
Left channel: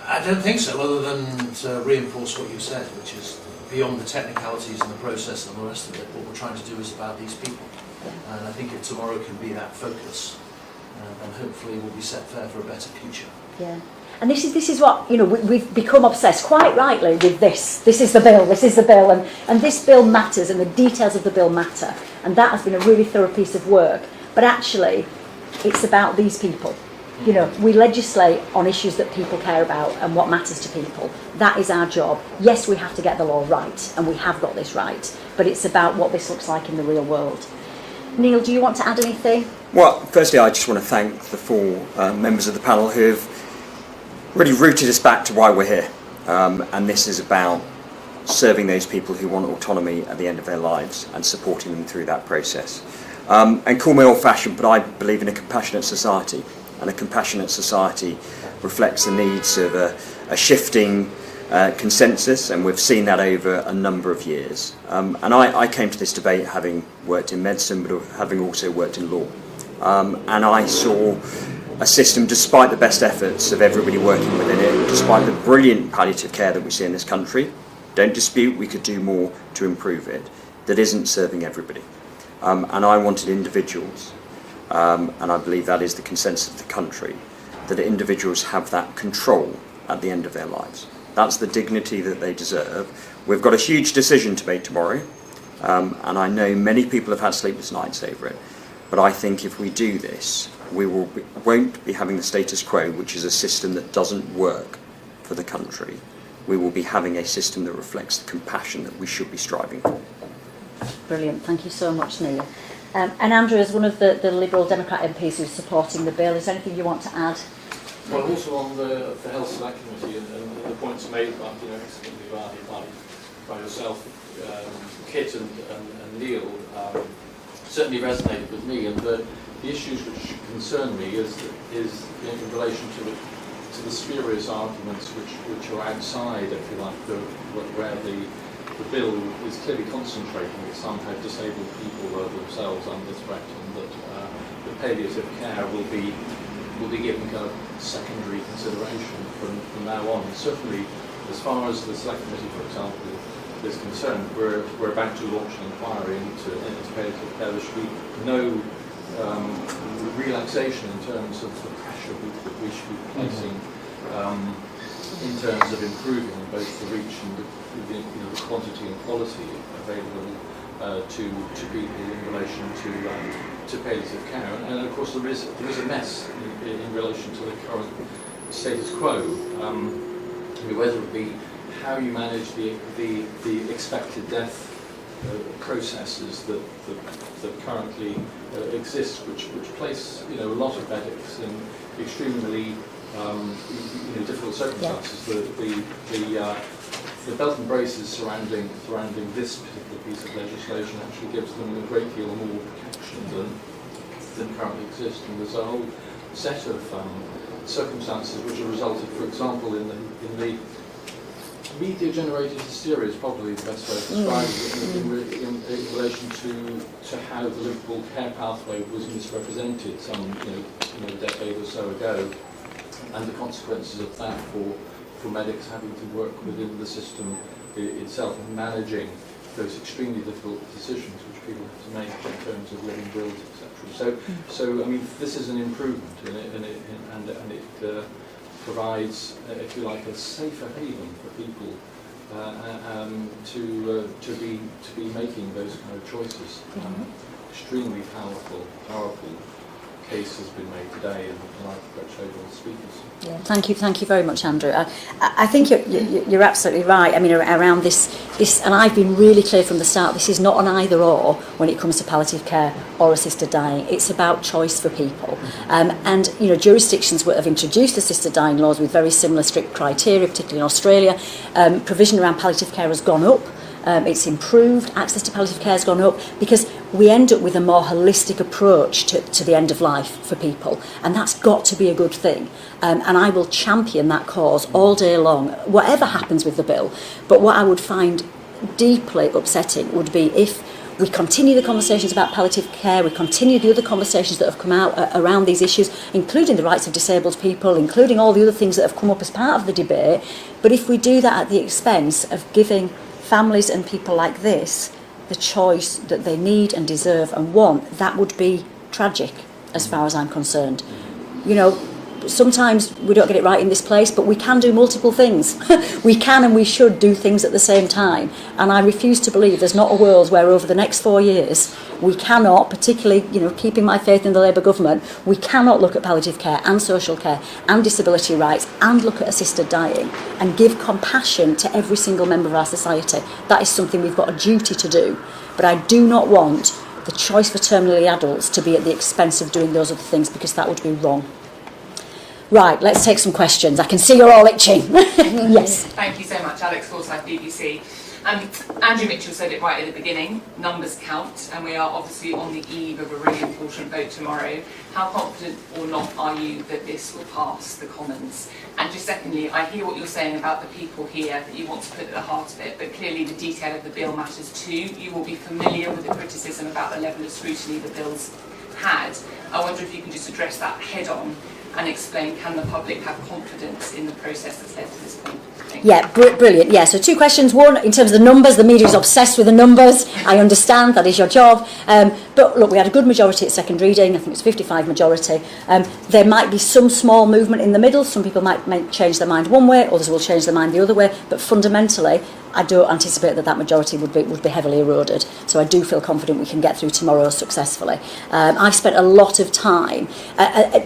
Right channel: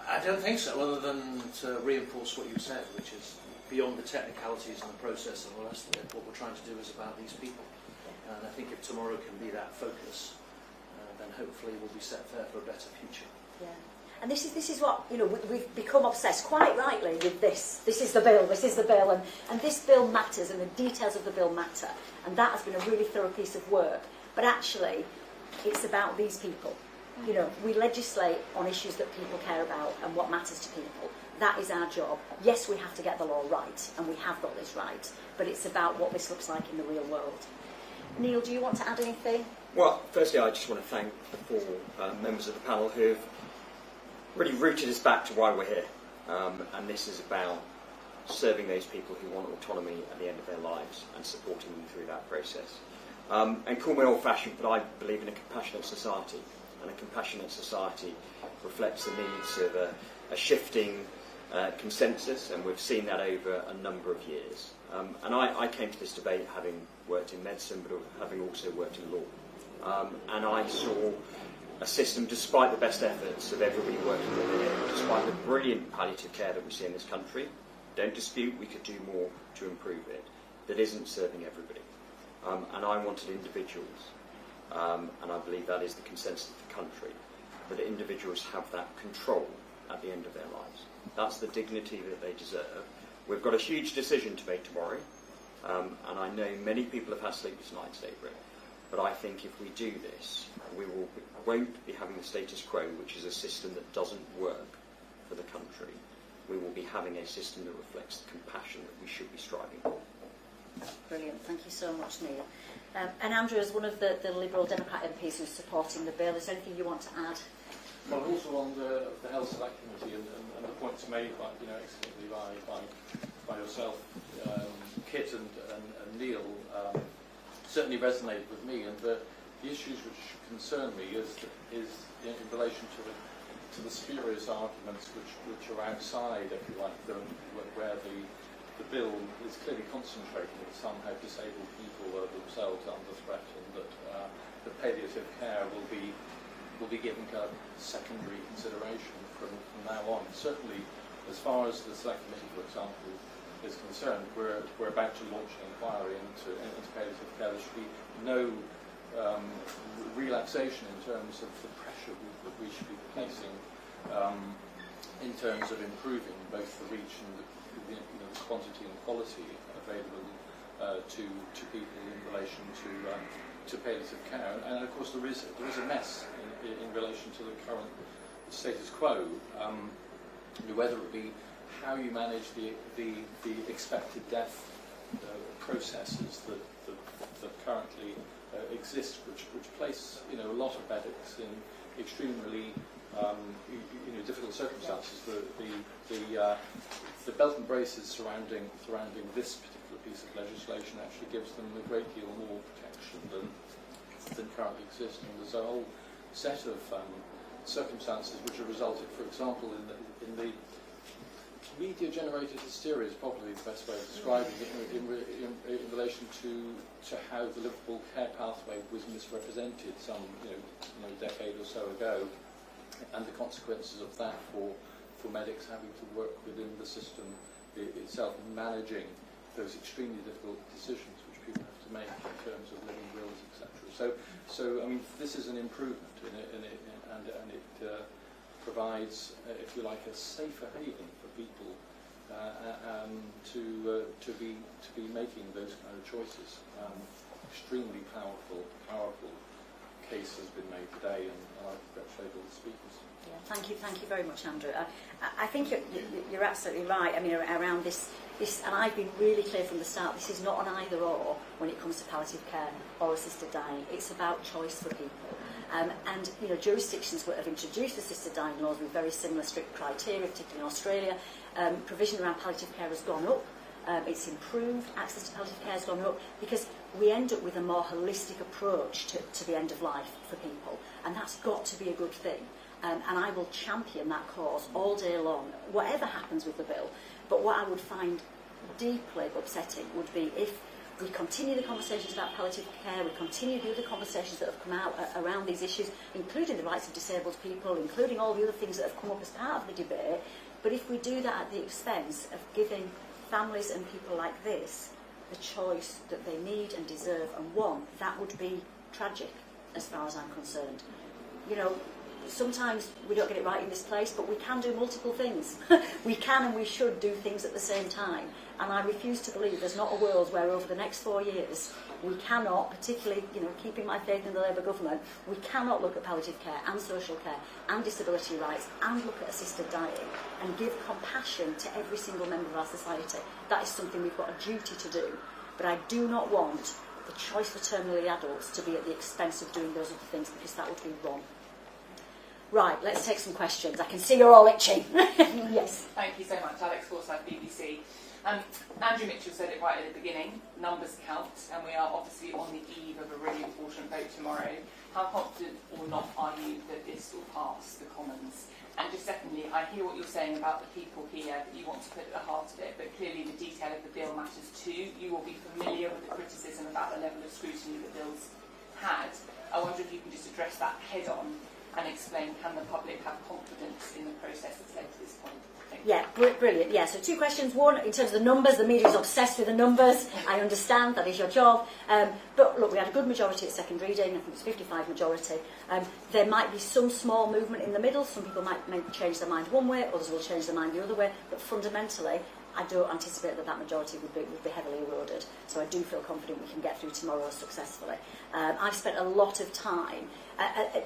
I don't think so, other than to reinforce what you said, which is beyond the technicalities and the process and the rest of it. What we're trying to do is about these people. And I think if tomorrow can be that focus, and hopefully we'll be set fair for a better future. Yeah. And this is what, you know, we've become obsessed, quite rightly, with this. This is the bill, and this bill matters, and the details of the bill matter. And that has been a really thorough piece of work. But actually, it's about these people. You know, we legislate on issues that people care about and what matters to people. That is our job. Yes, we have to get the law right, and we have got this right, but it's about what this looks like in the real world. Neil, do you want to add anything? Well, firstly, I just want to thank the four members of the panel who have really rooted us back to why we're here. And this is about serving those people who want autonomy at the end of their lives and supporting them through that process. And call me old-fashioned, but I believe in a compassionate society. And a compassionate society reflects the needs of a shifting consensus, and we've seen that over a number of years. And I came to this debate having worked in medicine, but having also worked in law. And I saw a system, despite the best efforts of everybody working within it, despite the brilliant palliative care that we see in this country, don't dispute we could do more to improve it, that isn't serving everybody. And I wanted individuals, and I believe that is the consensus of the country, that individuals have that control at the end of their lives. That's the dignity that they deserve. We've got a huge decision to make tomorrow, and I know many people have had sleepless nights over it, but I think if we do this, we won't be having the status quo, which is a system that doesn't work for the country. We will be having a system that reflects the compassion that we should be striving for. Brilliant, thank you so much, Neil. And Andrew, as one of the Liberal Democrat MPs who's supporting the bill, is there anything you want to add? Well, also on the Health Select Committee and the points made about, excellently by yourself, Kit and Neil, certainly resonated with me, and the issues which concern me is in relation to the spurious arguments which are outside, if you like, where the bill is clearly concentrating that somehow disabled people are themselves under threat, and that the palliative care will be given kind of secondary consideration from now on. Certainly, as far as the Select Committee, for example, is concerned, we're about to launch an inquiry into palliative care. There should be no relaxation in terms of the pressure that we should be placing in terms of improving both the reach and the quantity and quality available to people in relation to palliative care. And of course there is a mess in relation to the current status quo, whether it be how you manage the expected death processes that currently exist, which place a lot of medics in extremely difficult circumstances. The belt and braces surrounding this particular piece of legislation actually gives them a great deal more protection than currently exists, and there's a whole set of circumstances which have resulted, for example, in the media-generated hysteria is probably the best way to describe it in relation to how the Liverpool care pathway was misrepresented some a decade or so ago, and the consequences of that for medics having to work within the system itself and managing those extremely difficult decisions which people have to make in terms of living wills, etc. So I mean, this is an improvement and it provides, if you like, a safer haven for people to be making those kind of choices. Extremely powerful case has been made today, and I congratulate all the speakers. Yeah, thank you very much, Andrew. I think you're absolutely right. I mean, around this, and I've been really clear from the start. This is not an either or when it comes to palliative care or assisted dying. It's about choice for people, and jurisdictions that have introduced assisted dying laws with very similar strict criteria, particularly in Australia. Provision around palliative care has gone up. It's improved, access to palliative care has gone up, because we end up with a more holistic approach to the end of life for people, and that's got to be a good thing. And I will champion that cause all day long, whatever happens with the bill. But what I would find deeply upsetting would be if we continue the conversations about palliative care, we continue the other conversations that have come out around these issues, including the rights of disabled people, including all the other things that have come up as part of the debate. But if we do that at the expense of giving families and people like this the choice that they need and deserve and want, that would be tragic as far as I'm concerned. Sometimes we don't get it right in this place, but we can do multiple things. We can and we should do things at the same time. And I refuse to believe there's not a world where over the next 4 years we cannot, particularly, keeping my faith in the Labour government, we cannot look at palliative care and social care and disability rights and look at assisted dying and give compassion to every single member of our society. That is something we've got a duty to do. But I do not want the choice for terminally adults to be at the expense of doing those other things, because that would be wrong. Right, let's take some questions. I can see you're all itching. Yes. Thank you so much, Alex Forsyth, BBC. Andrew Mitchell said it right at the beginning, numbers count, and we are obviously on the eve of a really important vote tomorrow. How confident or not are you that this will pass the Commons? And just secondly, I hear what you're saying about the people here that you want to put at the heart of it, but clearly the detail of the bill matters too. You will be familiar with the criticism about the level of scrutiny the bill's had. I wonder if you can just address that head on and explain, can the public have confidence in the process that's led to this point? Yeah, brilliant. Yeah, so 2 questions. One, in terms of the numbers, the media is obsessed with the numbers. I understand, that is your job. But look, we had a good majority at second reading. I think it's 55 majority. There might be some small movement in the middle. Some people might change their mind one way, others will change their mind the other way. But fundamentally, I don't anticipate that majority would be heavily eroded. So I do feel confident we can get through tomorrow successfully. I've spent a lot of time,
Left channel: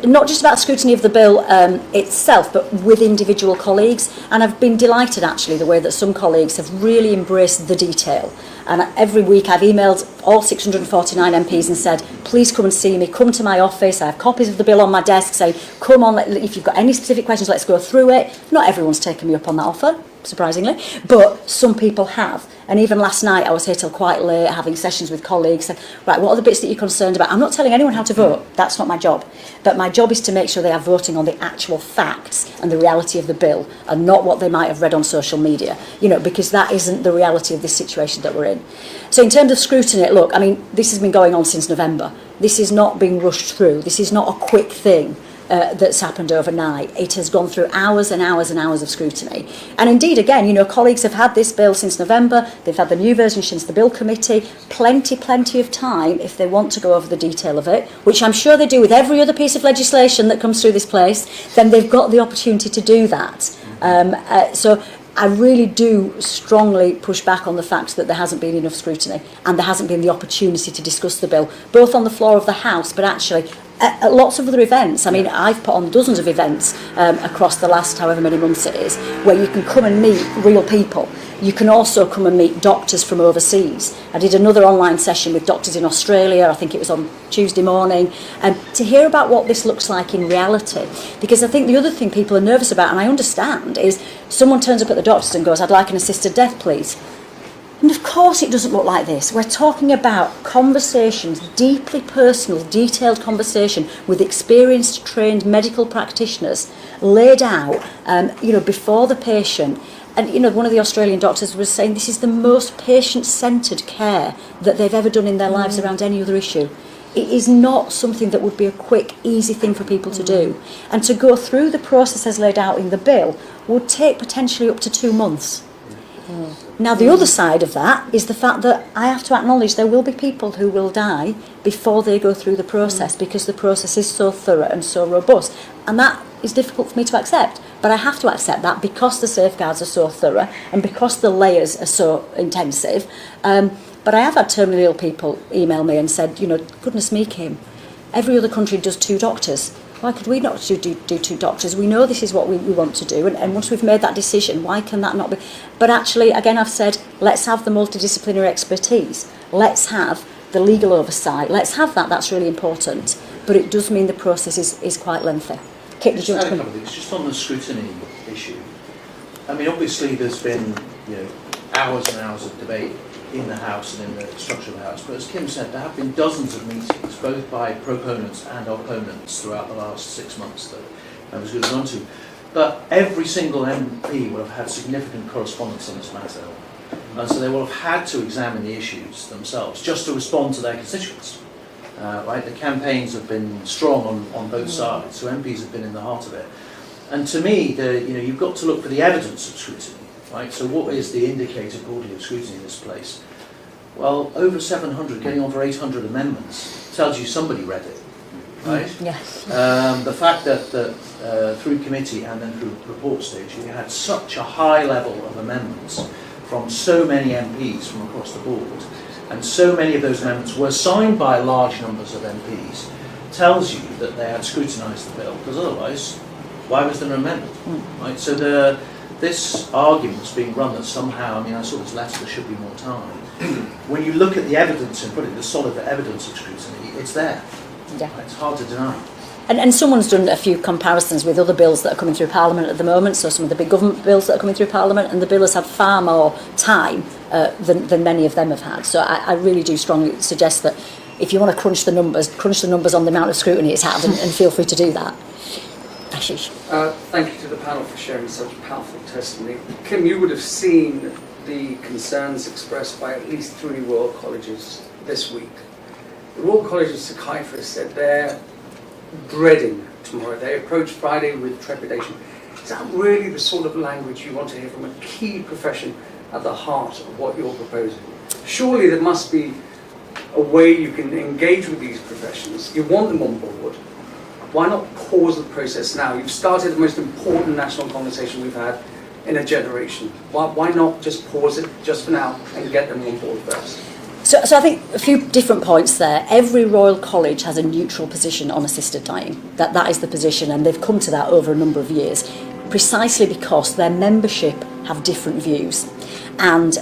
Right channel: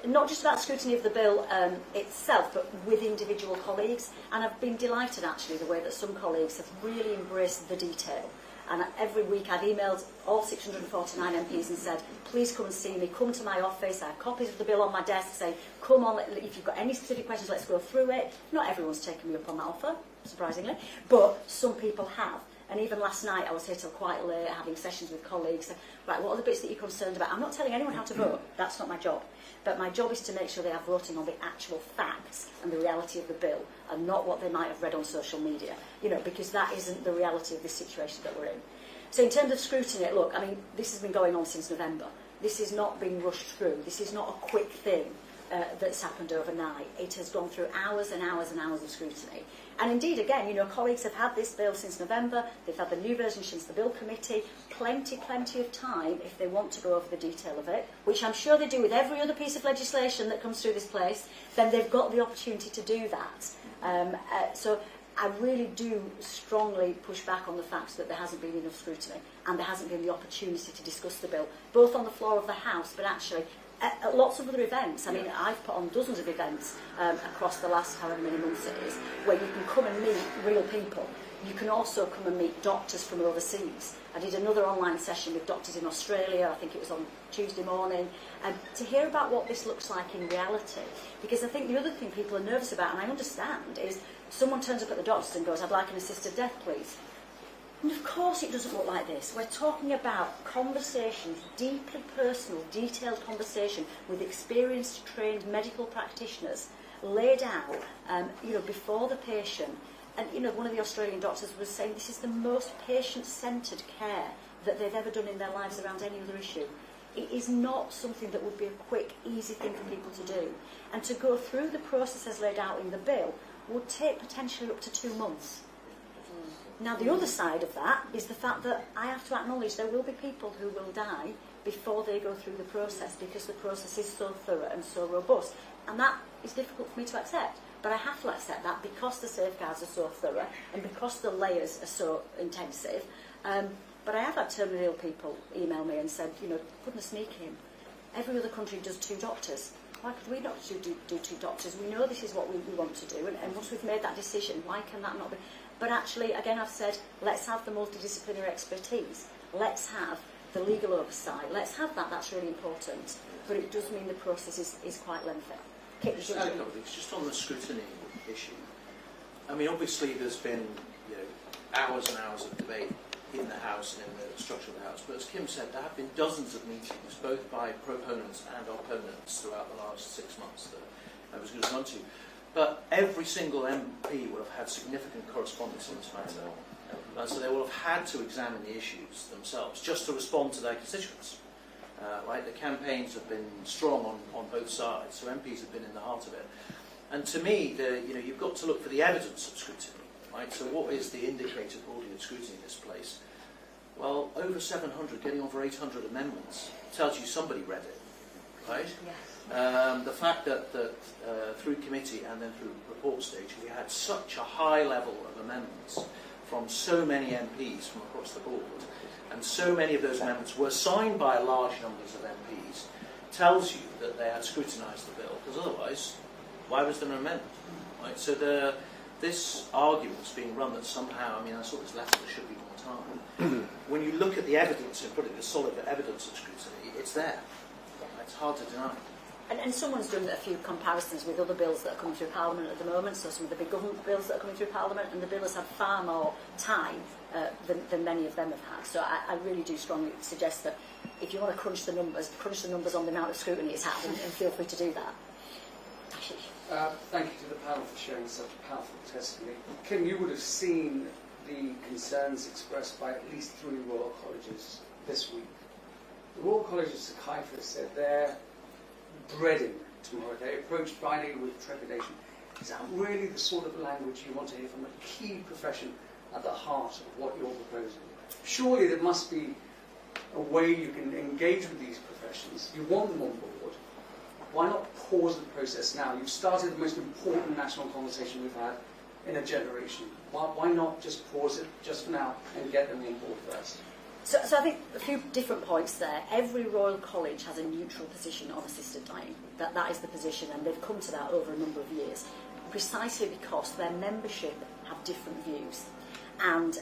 not just about scrutiny of the bill itself, but with individual colleagues. And I've been delighted, actually, the way that some colleagues have really embraced the detail. And every week I've emailed all 649 MPs and said, please come and see me, come to my office. I have copies of the bill on my desk saying, come on, if you've got any specific questions, let's go through it. Not everyone's taken me up on that offer, surprisingly, but some people have. And even last night I was here till quite late having sessions with colleagues, saying, right, what are the bits that you're concerned about? I'm not telling anyone how to vote, that's not my job. But my job is to make sure they are voting on the actual facts and the reality of the bill, and not what they might have read on social media, because that isn't the reality of this situation that we're in. So in terms of scrutiny, look, I mean, this has been going on since November. This is not being rushed through. This is not a quick thing. That's happened overnight. It has gone through hours and hours and hours of scrutiny. And indeed, again, colleagues have had this bill since November. They've had the new version since the bill committee. Plenty of time if they want to go over the detail of it, which I'm sure they do with every other piece of legislation that comes through this place. Then they've got the opportunity to do that. So I really do strongly push back on the fact that there hasn't been enough scrutiny and there hasn't been the opportunity to discuss the bill, both on the floor of the House, but actually at lots of other events. I mean, I've put on dozens of events across the last however many months it is, where you can come and meet real people. You can also come and meet doctors from overseas. I did another online session with doctors in Australia, I think it was on Tuesday morning, to hear about what this looks like in reality. Because I think the other thing people are nervous about, and I understand, is someone turns up at the doctor's and goes, I'd like an assisted death, please. And of course it doesn't look like this. We're talking about conversations, deeply personal, detailed conversation with experienced, trained medical practitioners laid out, before the patient. And, one of the Australian doctors was saying this is the most patient-centred care that they've ever done in their lives around any other issue. It is not something that would be a quick, easy thing for people to do. And to go through the process as laid out in the bill would take potentially up to 2 months. Now, the other side of that is the fact that I have to acknowledge there will be people who will die before they go through the process because the process is so thorough and so robust. And that is difficult for me to accept. But I have to accept that because the safeguards are so thorough and because the layers are so intensive. But I have had terminally ill people email me and said, goodness me, Kim, every other country does 2 doctors. Why could we not do 2 doctors? We know this is what we want to do, and once we've made that decision, why can that not be? But actually, again, I've said, let's have the multidisciplinary expertise. Let's have the legal oversight. Let's have that. That's really important. But it does mean the process is quite lengthy. Kit, did you want to come? Just on the scrutiny issue. I mean, obviously, there's been hours and hours of debate in the House and in the structure of the House. But as Kim said, there have been dozens of meetings, both by proponents and opponents, throughout the last 6 months that members could have gone to. But every single MP will have had significant correspondence on this matter. And so they will have had to examine the issues themselves, just to respond to their constituents. Right? The campaigns have been strong on both sides, so MPs have been in the heart of it. And to me, you've got to look for the evidence of scrutiny. Right, so what is the indicated body of scrutiny in this place? Well, over 700, getting on for 800 amendments tells you somebody read it, right? Yes. The fact that through committee and then through report stage, you had such a high level of amendments from so many MPs from across the board, and so many of those amendments were signed by large numbers of MPs, tells you that they had scrutinised the bill, because otherwise, why was there an amendment? Right, so this argument's being run that somehow, I saw this letter, there should be more time. When you look at the evidence and put it, the solid evidence of scrutiny, it's there. Yeah. It's hard to deny. And someone's done a few comparisons with other bills that are coming through Parliament at the moment, so some of the big government bills that are coming through Parliament, and the bill has had far more time than many of them have had. So I really do strongly suggest that if you want to crunch the numbers on the amount of scrutiny it's had, and feel free to do that. Ashish. Thank you to the panel for sharing such powerful testimony. Kim, you would have seen the concerns expressed by at least 3 Royal Colleges this week. The Royal College of Psychiatrists said they're dreading tomorrow. They approach Friday with trepidation. Is that really the sort of language you want to hear from a key profession at the heart of what you're proposing? Surely there must be a way you can engage with these professions. You want them on board. Why not pause the process now? You've started the most important national conversation we've had in a generation. Why not just pause it just for now and get them on board first? So I think a few different points there. Every Royal College has a neutral position on assisted dying. That is the position, and they've come to that over a number of years, precisely because their membership have different views. And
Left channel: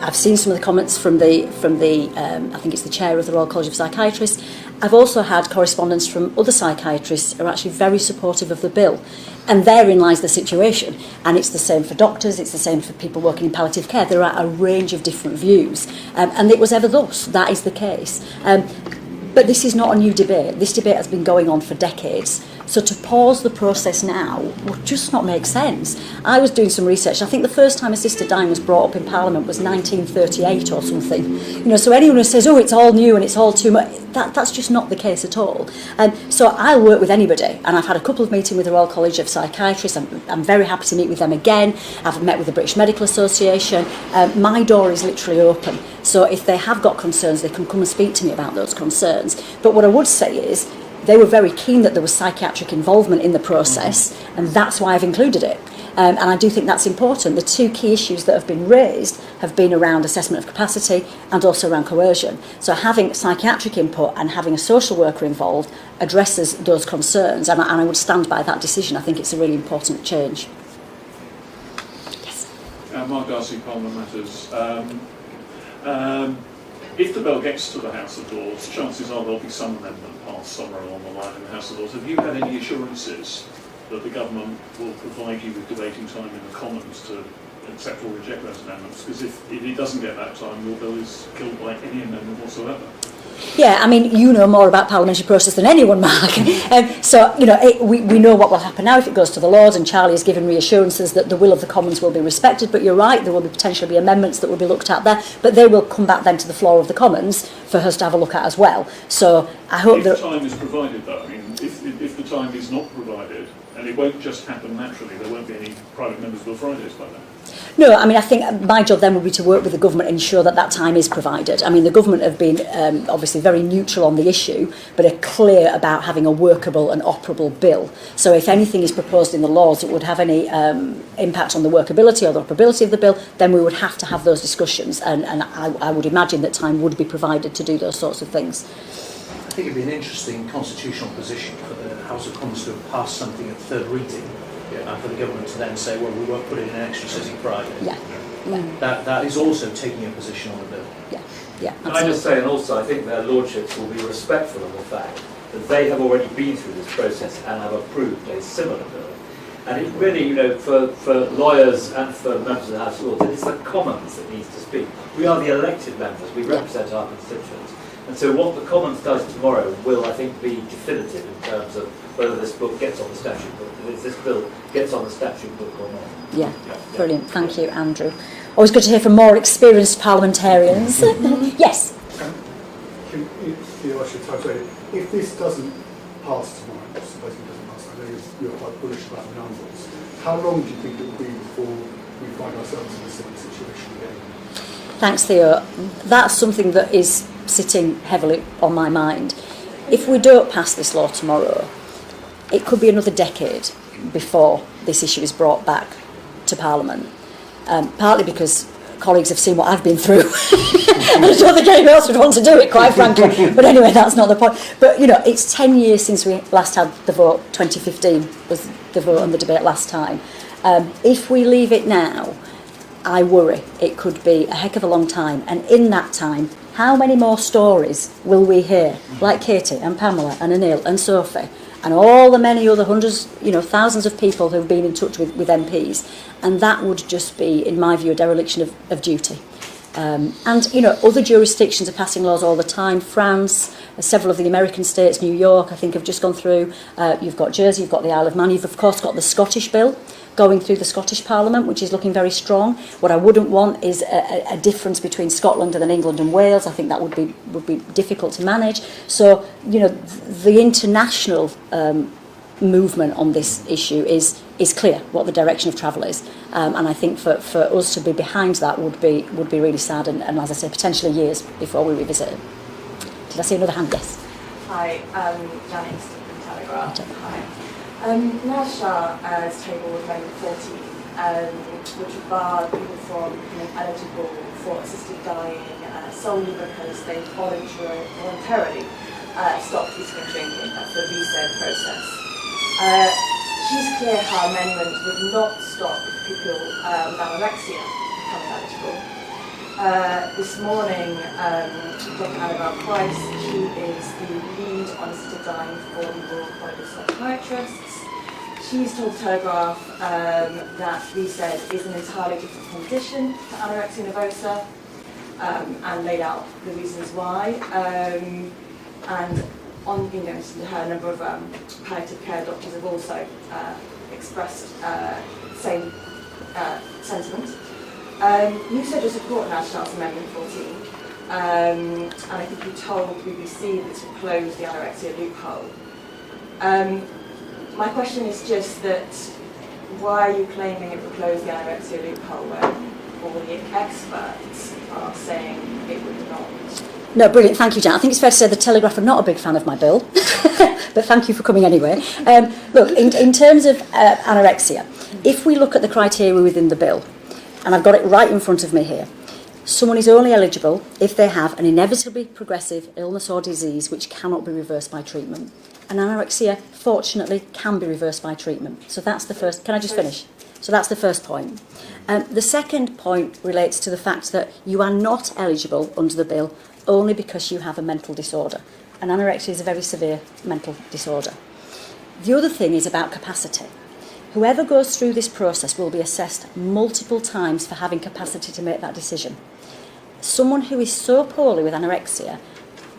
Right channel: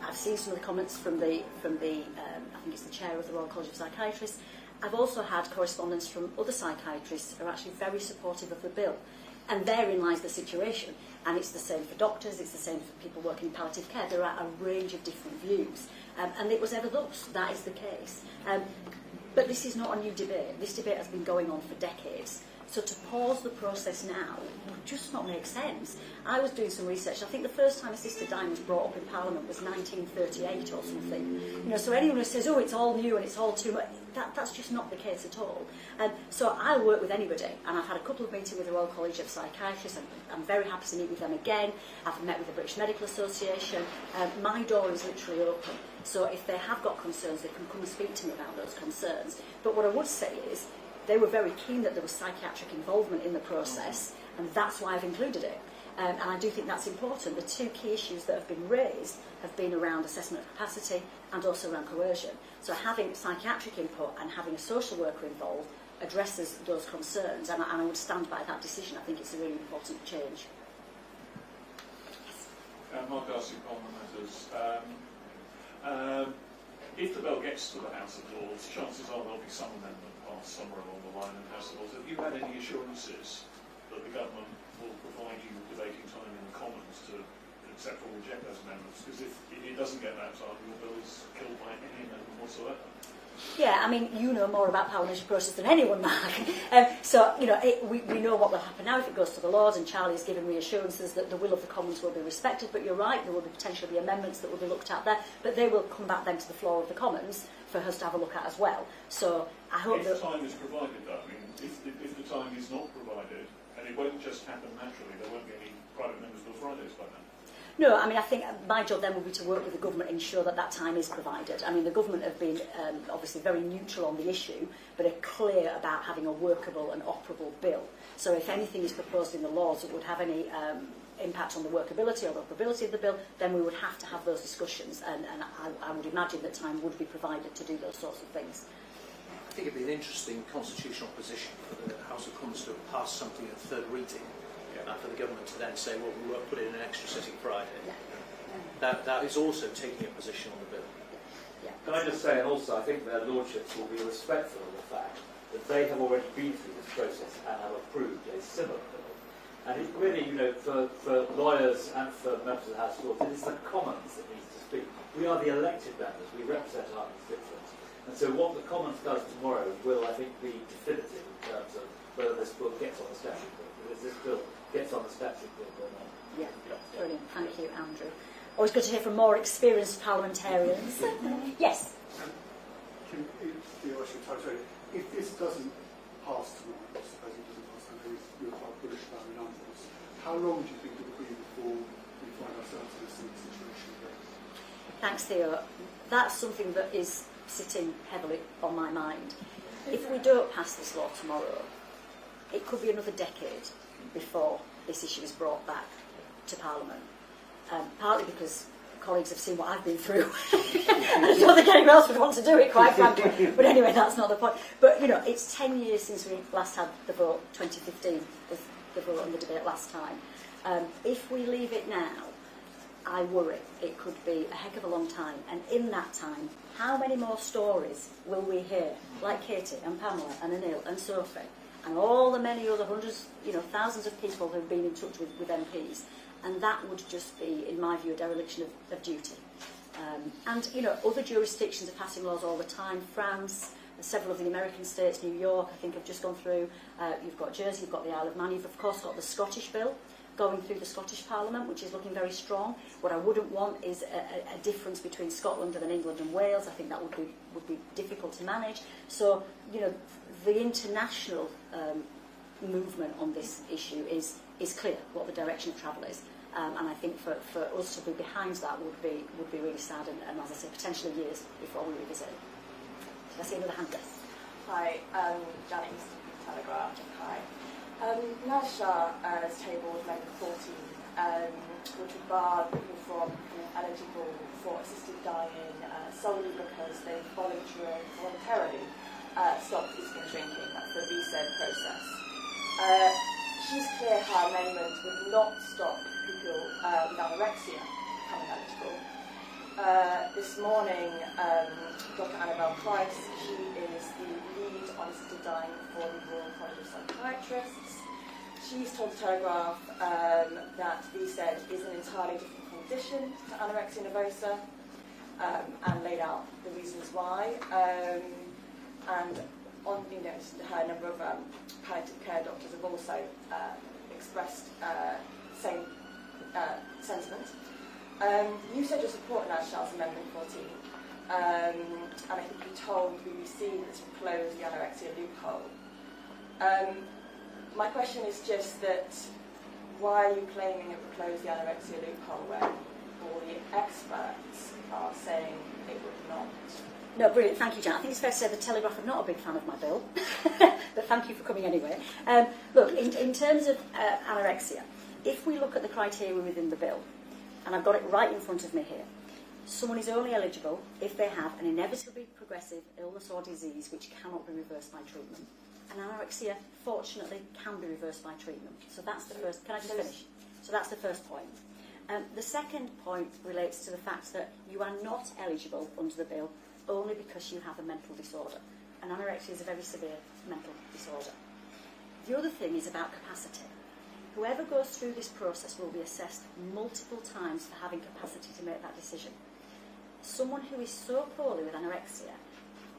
I've seen some of the comments from the I think it's the chair of the Royal College of Psychiatrists. I've also had correspondence from other psychiatrists who are actually very supportive of the bill. And therein lies the situation. And it's the same for doctors, it's the same for people working in palliative care. There are a range of different views. And it was ever thus. That is the case. But this is not a new debate. This debate has been going on for decades. So to pause the process now would just not make sense. I was doing some research. I think the first time assisted dying was brought up in Parliament was 1938 or something. So anyone who says, oh, it's all new and it's all too much, that's just not the case at all. So I'll work with anybody. And I've had a couple of meetings with the Royal College of Psychiatrists. I'm very happy to meet with them again. I've met with the British Medical Association. My door is literally open. So if they have got concerns, they can come and speak to me about those concerns. But what I would say is, they were very keen that there was psychiatric involvement in the process, and that's why I've included it. And I do think that's important. The 2 key issues that have been raised have been around assessment of capacity and also around coercion. So having psychiatric input and having a social worker involved addresses those concerns, and I would stand by that decision. I think it's a really important change. Yes. Mark Darcy, Parliament Matters. If the bill gets to the House of Lords, chances are there'll be some amendment passed somewhere along the line in the House of Lords. Have you had any assurances that the government will provide you with debating time in the Commons to accept or reject those amendments, because if he doesn't get that time, your bill is killed by any amendment whatsoever. Yeah, I mean, you know more about parliamentary process than anyone, Mark. So, you know, we know what will happen now if it goes to the Lords, and Charlie has given reassurances that the will of the Commons will be respected, but you're right, there will be potentially be amendments that will be looked at there, but they will come back then to the floor of the Commons for us to have a look at as well. So I hope that... If time is provided, though, I mean, if the time is not provided, and it won't just happen naturally, there won't be any private members' Bill Fridays by then. No, I mean, I think my job then would be to work with the government and ensure that that time is provided. I mean, the government have been obviously very neutral on the issue, but are clear about having a workable and operable bill. So if anything is proposed in the laws that would have any impact on the workability or the operability of the bill, then we would have to have those discussions. And I would imagine that time would be provided to do those sorts of things. I think it'd be an interesting constitutional position for the House of Commons to have passed something at third reading, and for the government to then say, well, we won't put it in an extra sitting Friday. Yeah. That is also taking a position on the bill. Yeah. Can I just say, and also I think their lordships will be respectful of the fact that they have already been through this process and have approved a similar bill. And it really, you know, for lawyers and for members of the House of Lords, it is the Commons that needs to speak. We are the elected members, we represent our constituents. And so what the Commons does tomorrow will, I think, be definitive in terms of whether this book gets on the statute book, whether this bill gets on the statute book or not. Yeah, brilliant. Thank you, Andrew. Always good to hear from more experienced parliamentarians. Yes? If this doesn't pass tomorrow, supposing it doesn't pass, I know you're quite bullish about the numbers, how long do you think it will be before we find ourselves in a similar situation again? Thanks, Theo. That's something that is sitting heavily on my mind. If we don't pass this law tomorrow, it could be another decade before this issue is brought back to Parliament. Partly because colleagues have seen what I've been through. And I don't think anyone else would want to do it, quite frankly. But anyway, that's not the point. But, you know, it's 10 years since we last had the vote. 2015 was the vote and the debate last time. If we leave it now, I worry it could be a heck of a long time. And in that time, how many more stories will we hear? Like Katie and Pamela and Anil and Sophie and all the many other hundreds, you know, thousands of people who've been in touch with MPs. And that would just be, in my view, a dereliction of duty. And, you know, other jurisdictions are passing laws all the time. France, several of the American states, New York, I think, have just gone through. You've got Jersey, you've got the Isle of Man. You've, of course, got the Scottish bill going through the Scottish Parliament, which is looking very strong. What I wouldn't want is a difference between Scotland and then England and Wales. I think that would be difficult to manage. So, you know, the international movement on this issue is clear what the direction of travel is, and I think for us to be behind that would be really sad, and as I say, potentially years before we revisit it. Did I see another hand? Yes. Hi, Janet Easton from Telegraph. Hi. National has tabled Amendment 40, which would bar people from becoming eligible for assisted dying solely because they voluntarily stopped eating and drinking for the VSAID process. She's clear her amendment would not stop people with anorexia becoming eligible. This morning, Dr. Annabelle Price, she is the lead on assisted dying for the Royal College of Psychiatrists. She's told the Telegraph that VSAID is an entirely different condition to anorexia nervosa, and laid out the reasons why. And on, you know, her number of palliative care doctors have also expressed same sentiment. You said you support National's Amendment 14, and I think you told BBC that it would close the anorexia loophole. My question is just that, why are you claiming it would close the anorexia loophole when all the experts are saying it would not? No, brilliant. Thank you, Jan. I think it's fair to say the Telegraph are not a big fan of my bill, but thank you for coming anyway. Look, in terms of anorexia, if we look at the criteria within the bill, and I've got it right in front of me here, someone is only eligible if they have an inevitably progressive illness or disease which cannot be reversed by treatment. And anorexia, fortunately, can be reversed by treatment. So that's the first... Can I just finish? So that's the first point. The second point relates to the fact that you are not eligible under the bill only because you have a mental disorder. And anorexia is a very severe mental disorder. The other thing is about capacity. Whoever goes through this process will be assessed multiple times for having capacity to make that decision. Someone who is so poorly with anorexia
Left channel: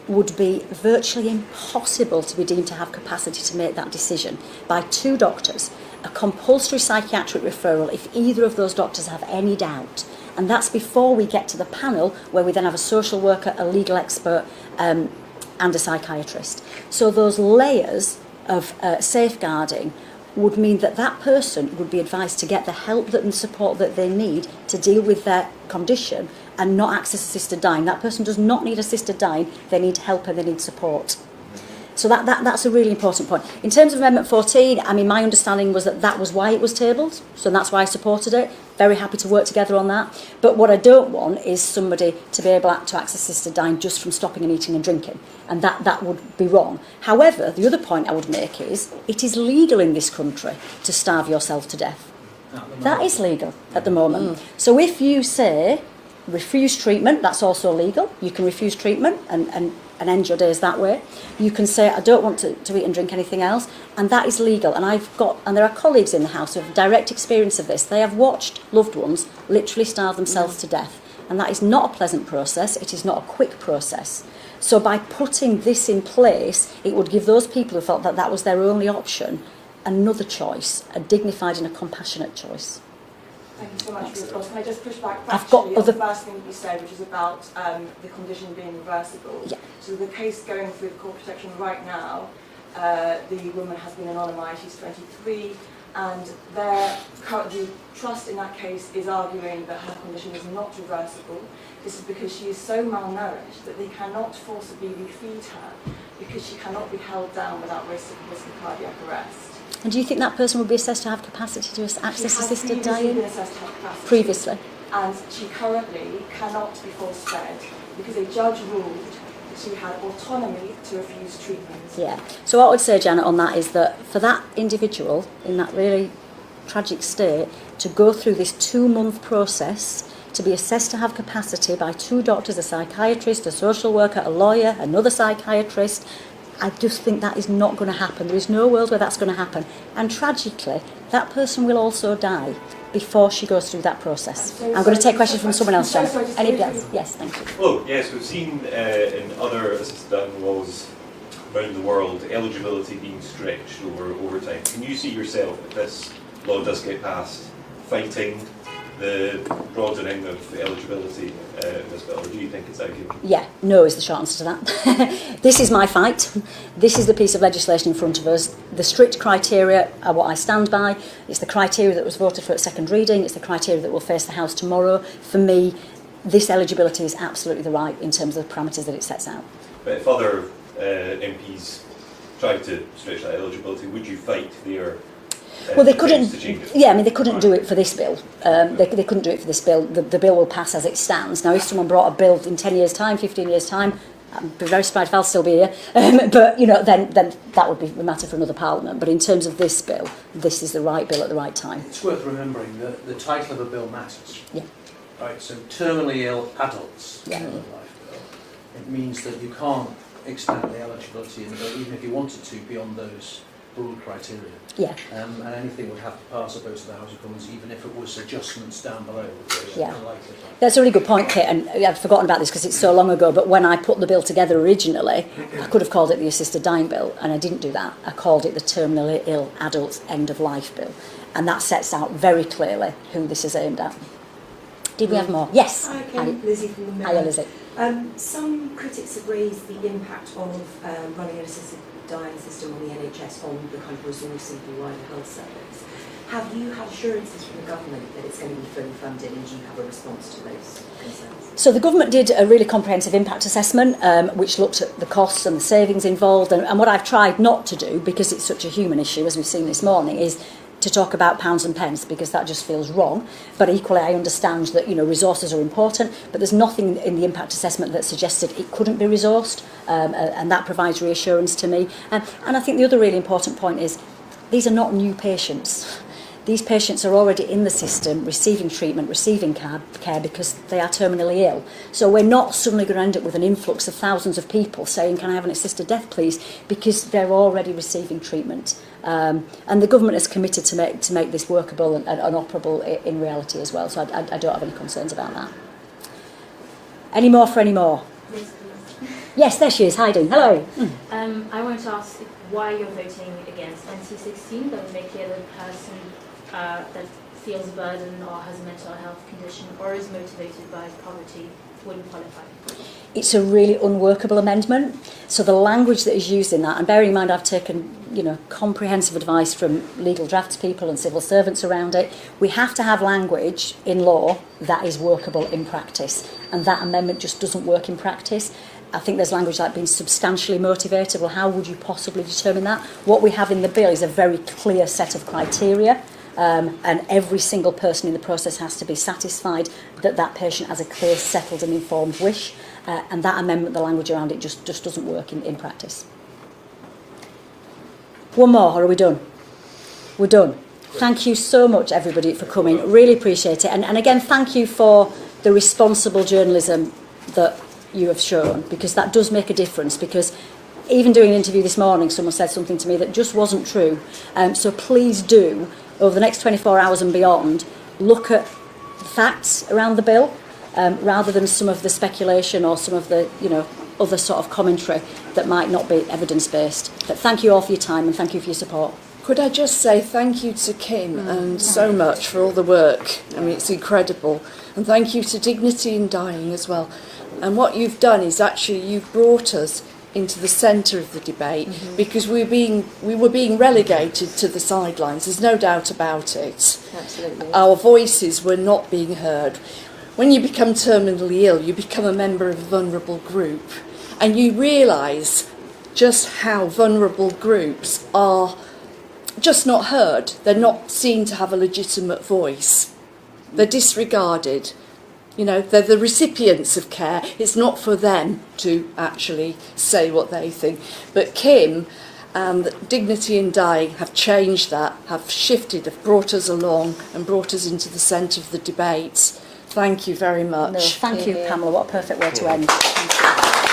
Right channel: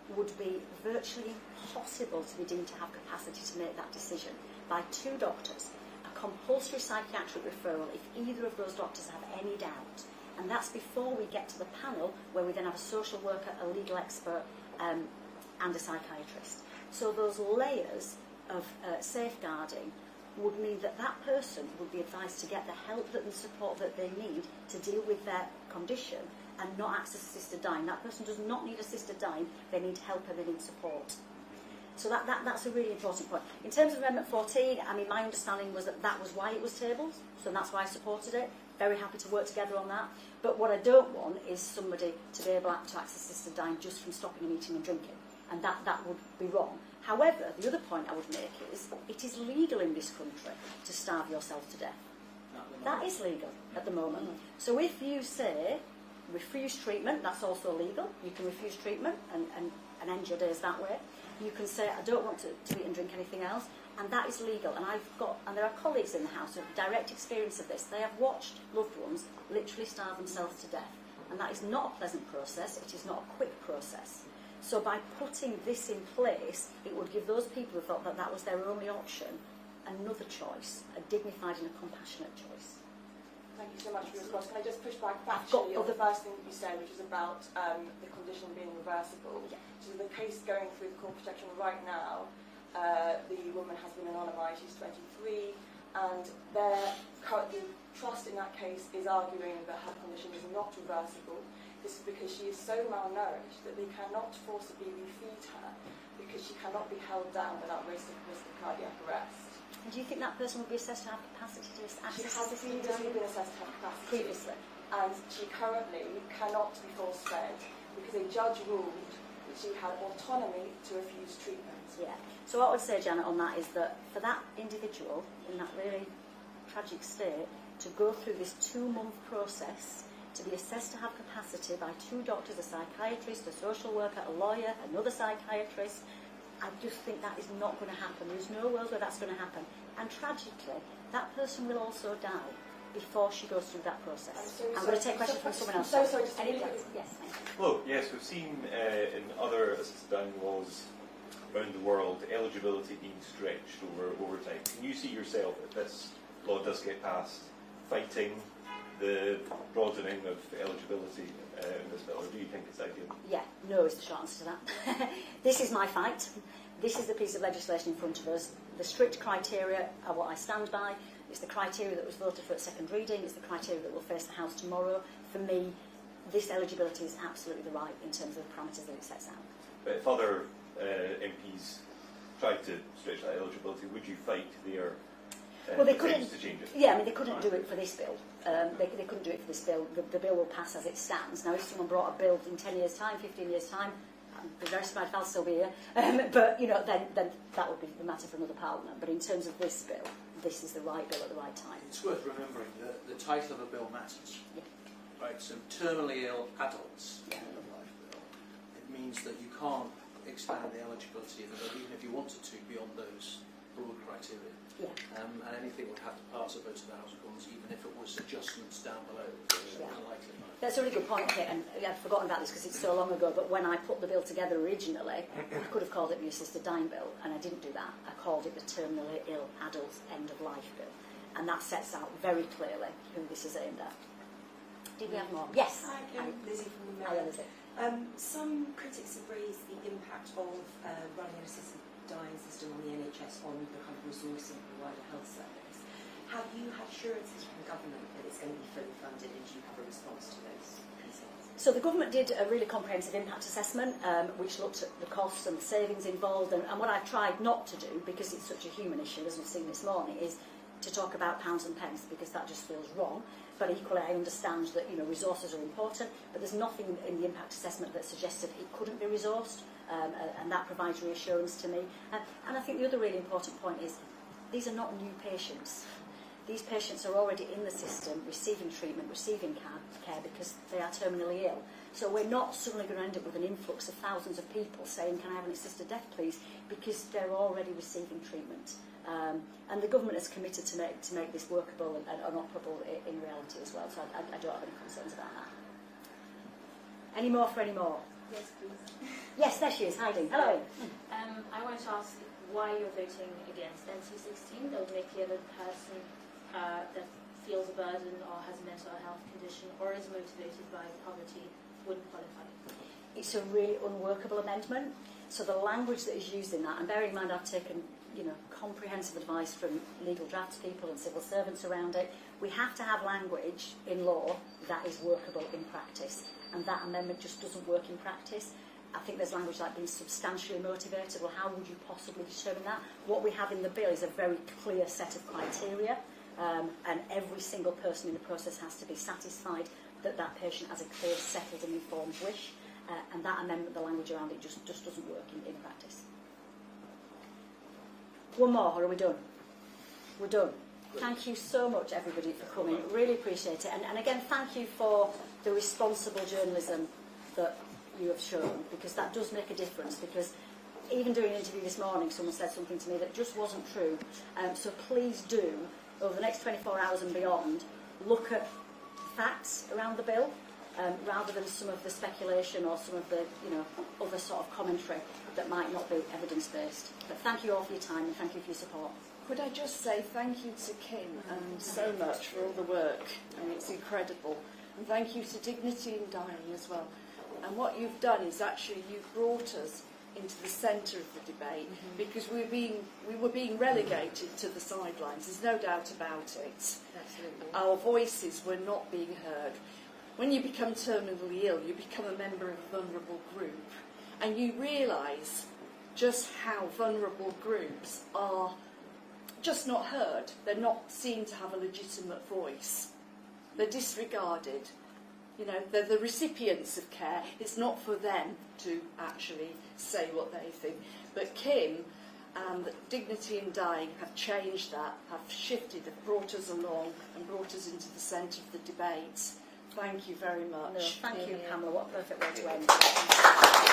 would be virtually impossible to be deemed to have capacity to make that decision by 2 doctors, a compulsory psychiatric referral if either of those doctors have any doubt. And that's before we get to the panel, where we then have a social worker, a legal expert, and a psychiatrist. So those layers of safeguarding would mean that that person would be advised to get the help and support that they need to deal with their condition and not access assisted dying. That person does not need assisted dying, they need help and they need support. So that's a really important point. In terms of Amendment 14, I mean, my understanding was that that was why it was tabled, so that's why I supported it. Very happy to work together on that. But what I don't want is somebody to be able to access assisted dying just from stopping and eating and drinking, and that would be wrong. However, the other point I would make is it is legal in this country to starve yourself to death. That is legal at the moment. So if you say refuse treatment, that's also legal. You can refuse treatment and end your days that way. You can say, I don't want to eat and drink anything else, and that is legal. And there are colleagues in the House who have direct experience of this. They have watched loved ones literally starve themselves to death, and that is not a pleasant process. It is not a quick process. So by putting this in place, it would give those people who felt that that was their only option another choice, a dignified and a compassionate choice. Thank you so much for your response. Can I just push back I've got factually on the first thing you said, which is about the condition being reversible? Yeah. So the case going through the court protection right now, the woman has been anonymised, she's 23, and the trust in that case is arguing that her condition is not reversible. This is because she is so malnourished that they cannot forcibly refeed her because she cannot be held down without risk of cardiac arrest. And do you think that person would be assessed to have capacity to access assisted dying? Been assessed to have capacity. Previously. And she currently cannot be force-fed because a judge ruled that she had autonomy to refuse treatment. Yeah. So what I would say, Janet, on that is that for that individual in that really tragic state to go through this 2-month process, to be assessed to have capacity by 2 doctors, a psychiatrist, a social worker, a lawyer, another psychiatrist, I just think that is not going to happen. There is no world where that's going to happen. And tragically, that person will also die before she goes through that process. I'm going to take questions from someone else, Janet. Anybody else? Yes, thank you. Well, yes, we've seen in other assisted dying laws around the world eligibility being stretched over time. Can you see yourself, if this law does get passed, fighting the broadening of eligibility in this bill, or do you think it's ideal? Yeah, no is the short answer to that. This is my fight. This is the piece of legislation in front of us. The strict criteria are what I stand by. It's the criteria that was voted for at second reading. It's the criteria that will face the House tomorrow. For me, this eligibility is absolutely the right in terms of the parameters that it sets out. But if other MPs tried to stretch that eligibility, would you fight their well, they couldn't. Yeah, I mean, they couldn't do it for this bill. They couldn't do it for this bill. The bill will pass as it stands. Now, if someone brought a bill in 10 years' time, 15 years' time, I'd be very surprised if I'll still be here. But you know, then that would be a matter for another Parliament. But in terms of this bill, this is the right bill at the right time. It's worth remembering that the title of a bill matters. Yeah. Right. So terminally ill adults. Yeah. Life bill. It means that you can't expand the eligibility in the bill, even if you wanted to, beyond those broad criteria. Yeah. And anything would have to pass a vote of the House of Commons, even if it was adjustments down below. Yeah. That's a really good point, Kate, and I've forgotten about this because it's so long ago, but when I put the bill together originally, I could have called it the Assisted Dying Bill, and I didn't do that. I called it the Terminally Ill Adults End of Life Bill, and that sets out very clearly who this is aimed at. Did we have more? Yes. Hi, Lizzie from the Mirror. Hiya, Lizzie. Some critics have raised the impact of running an assisted dying system on the NHS on the kind of resourcing of the wider health service. Have you had assurances from the government that it's going to be fully funded, and do you have a response to those concerns? So the government did a really comprehensive impact assessment, which looked at the costs and the savings involved, and what I've tried not to do, because it's such a human issue, as we've seen this morning, is to talk about pounds and pence, because that just feels wrong. But equally, I understand that, you know, resources are important, but there's nothing in the impact assessment that suggested it couldn't be resourced, and that provides reassurance to me. And I think the other really important point is these are not new patients. These patients are already in the system, receiving treatment, receiving care because they are terminally ill. So we're not suddenly going to end up with an influx of thousands of people saying, can I have an assisted death, please? Because they're already receiving treatment. And the government is committed to make this workable and operable in reality as well. So I don't have any concerns about that. Any more for any more? Yes, please. Yes, there she is, hiding. Hello. I want to ask why you're voting against NC16. That would make the other person that feels a burden or has a mental health condition or is motivated by poverty wouldn't qualify. It's a really unworkable amendment. So the language that is used in that, and bearing in mind I've taken comprehensive advice from legal draftspeople and civil servants around it, we have to have language in law that is workable in practice, and that amendment just doesn't work in practice. I think there's language like being substantially motivated. Well, how would you possibly determine that? What we have in the bill is a very clear set of criteria, and every single person in the process has to be satisfied that that patient has a clear, settled and informed wish, and that amendment, the language around it just doesn't work in practice. One more, or are we done? We're done. Thank you so much, everybody, for coming. Really appreciate it. And again, thank you for the responsible journalism that you have shown, because that does make a difference. Because even doing an interview this morning, someone said something to me that just wasn't true. So please do, over the next 24 hours and beyond, look at the facts around the bill, rather than some of the speculation or some of the, other sort of commentary that might not be evidence-based. But thank you all for your time and thank you for your support. Could I just say thank you to Kim and so much for all the work. I mean, it's incredible. And thank you to Dignity in Dying as well. And what you've done is actually you've brought us into the centre of the debate, because we were being relegated to the sidelines. There's no doubt about it. Absolutely. Our voices were not being heard. When you become terminally ill, you become a member of a vulnerable group, and you realise just how vulnerable groups are just not heard. They're not seen to have a legitimate voice. They're disregarded. They're the recipients of care. It's not for them to actually say what they think. But Kim and Dignity in Dying have changed that, have shifted, have brought us along and brought us into the centre of the debate. Thank you very much. No, thank you, Pamela. What a perfect way to end.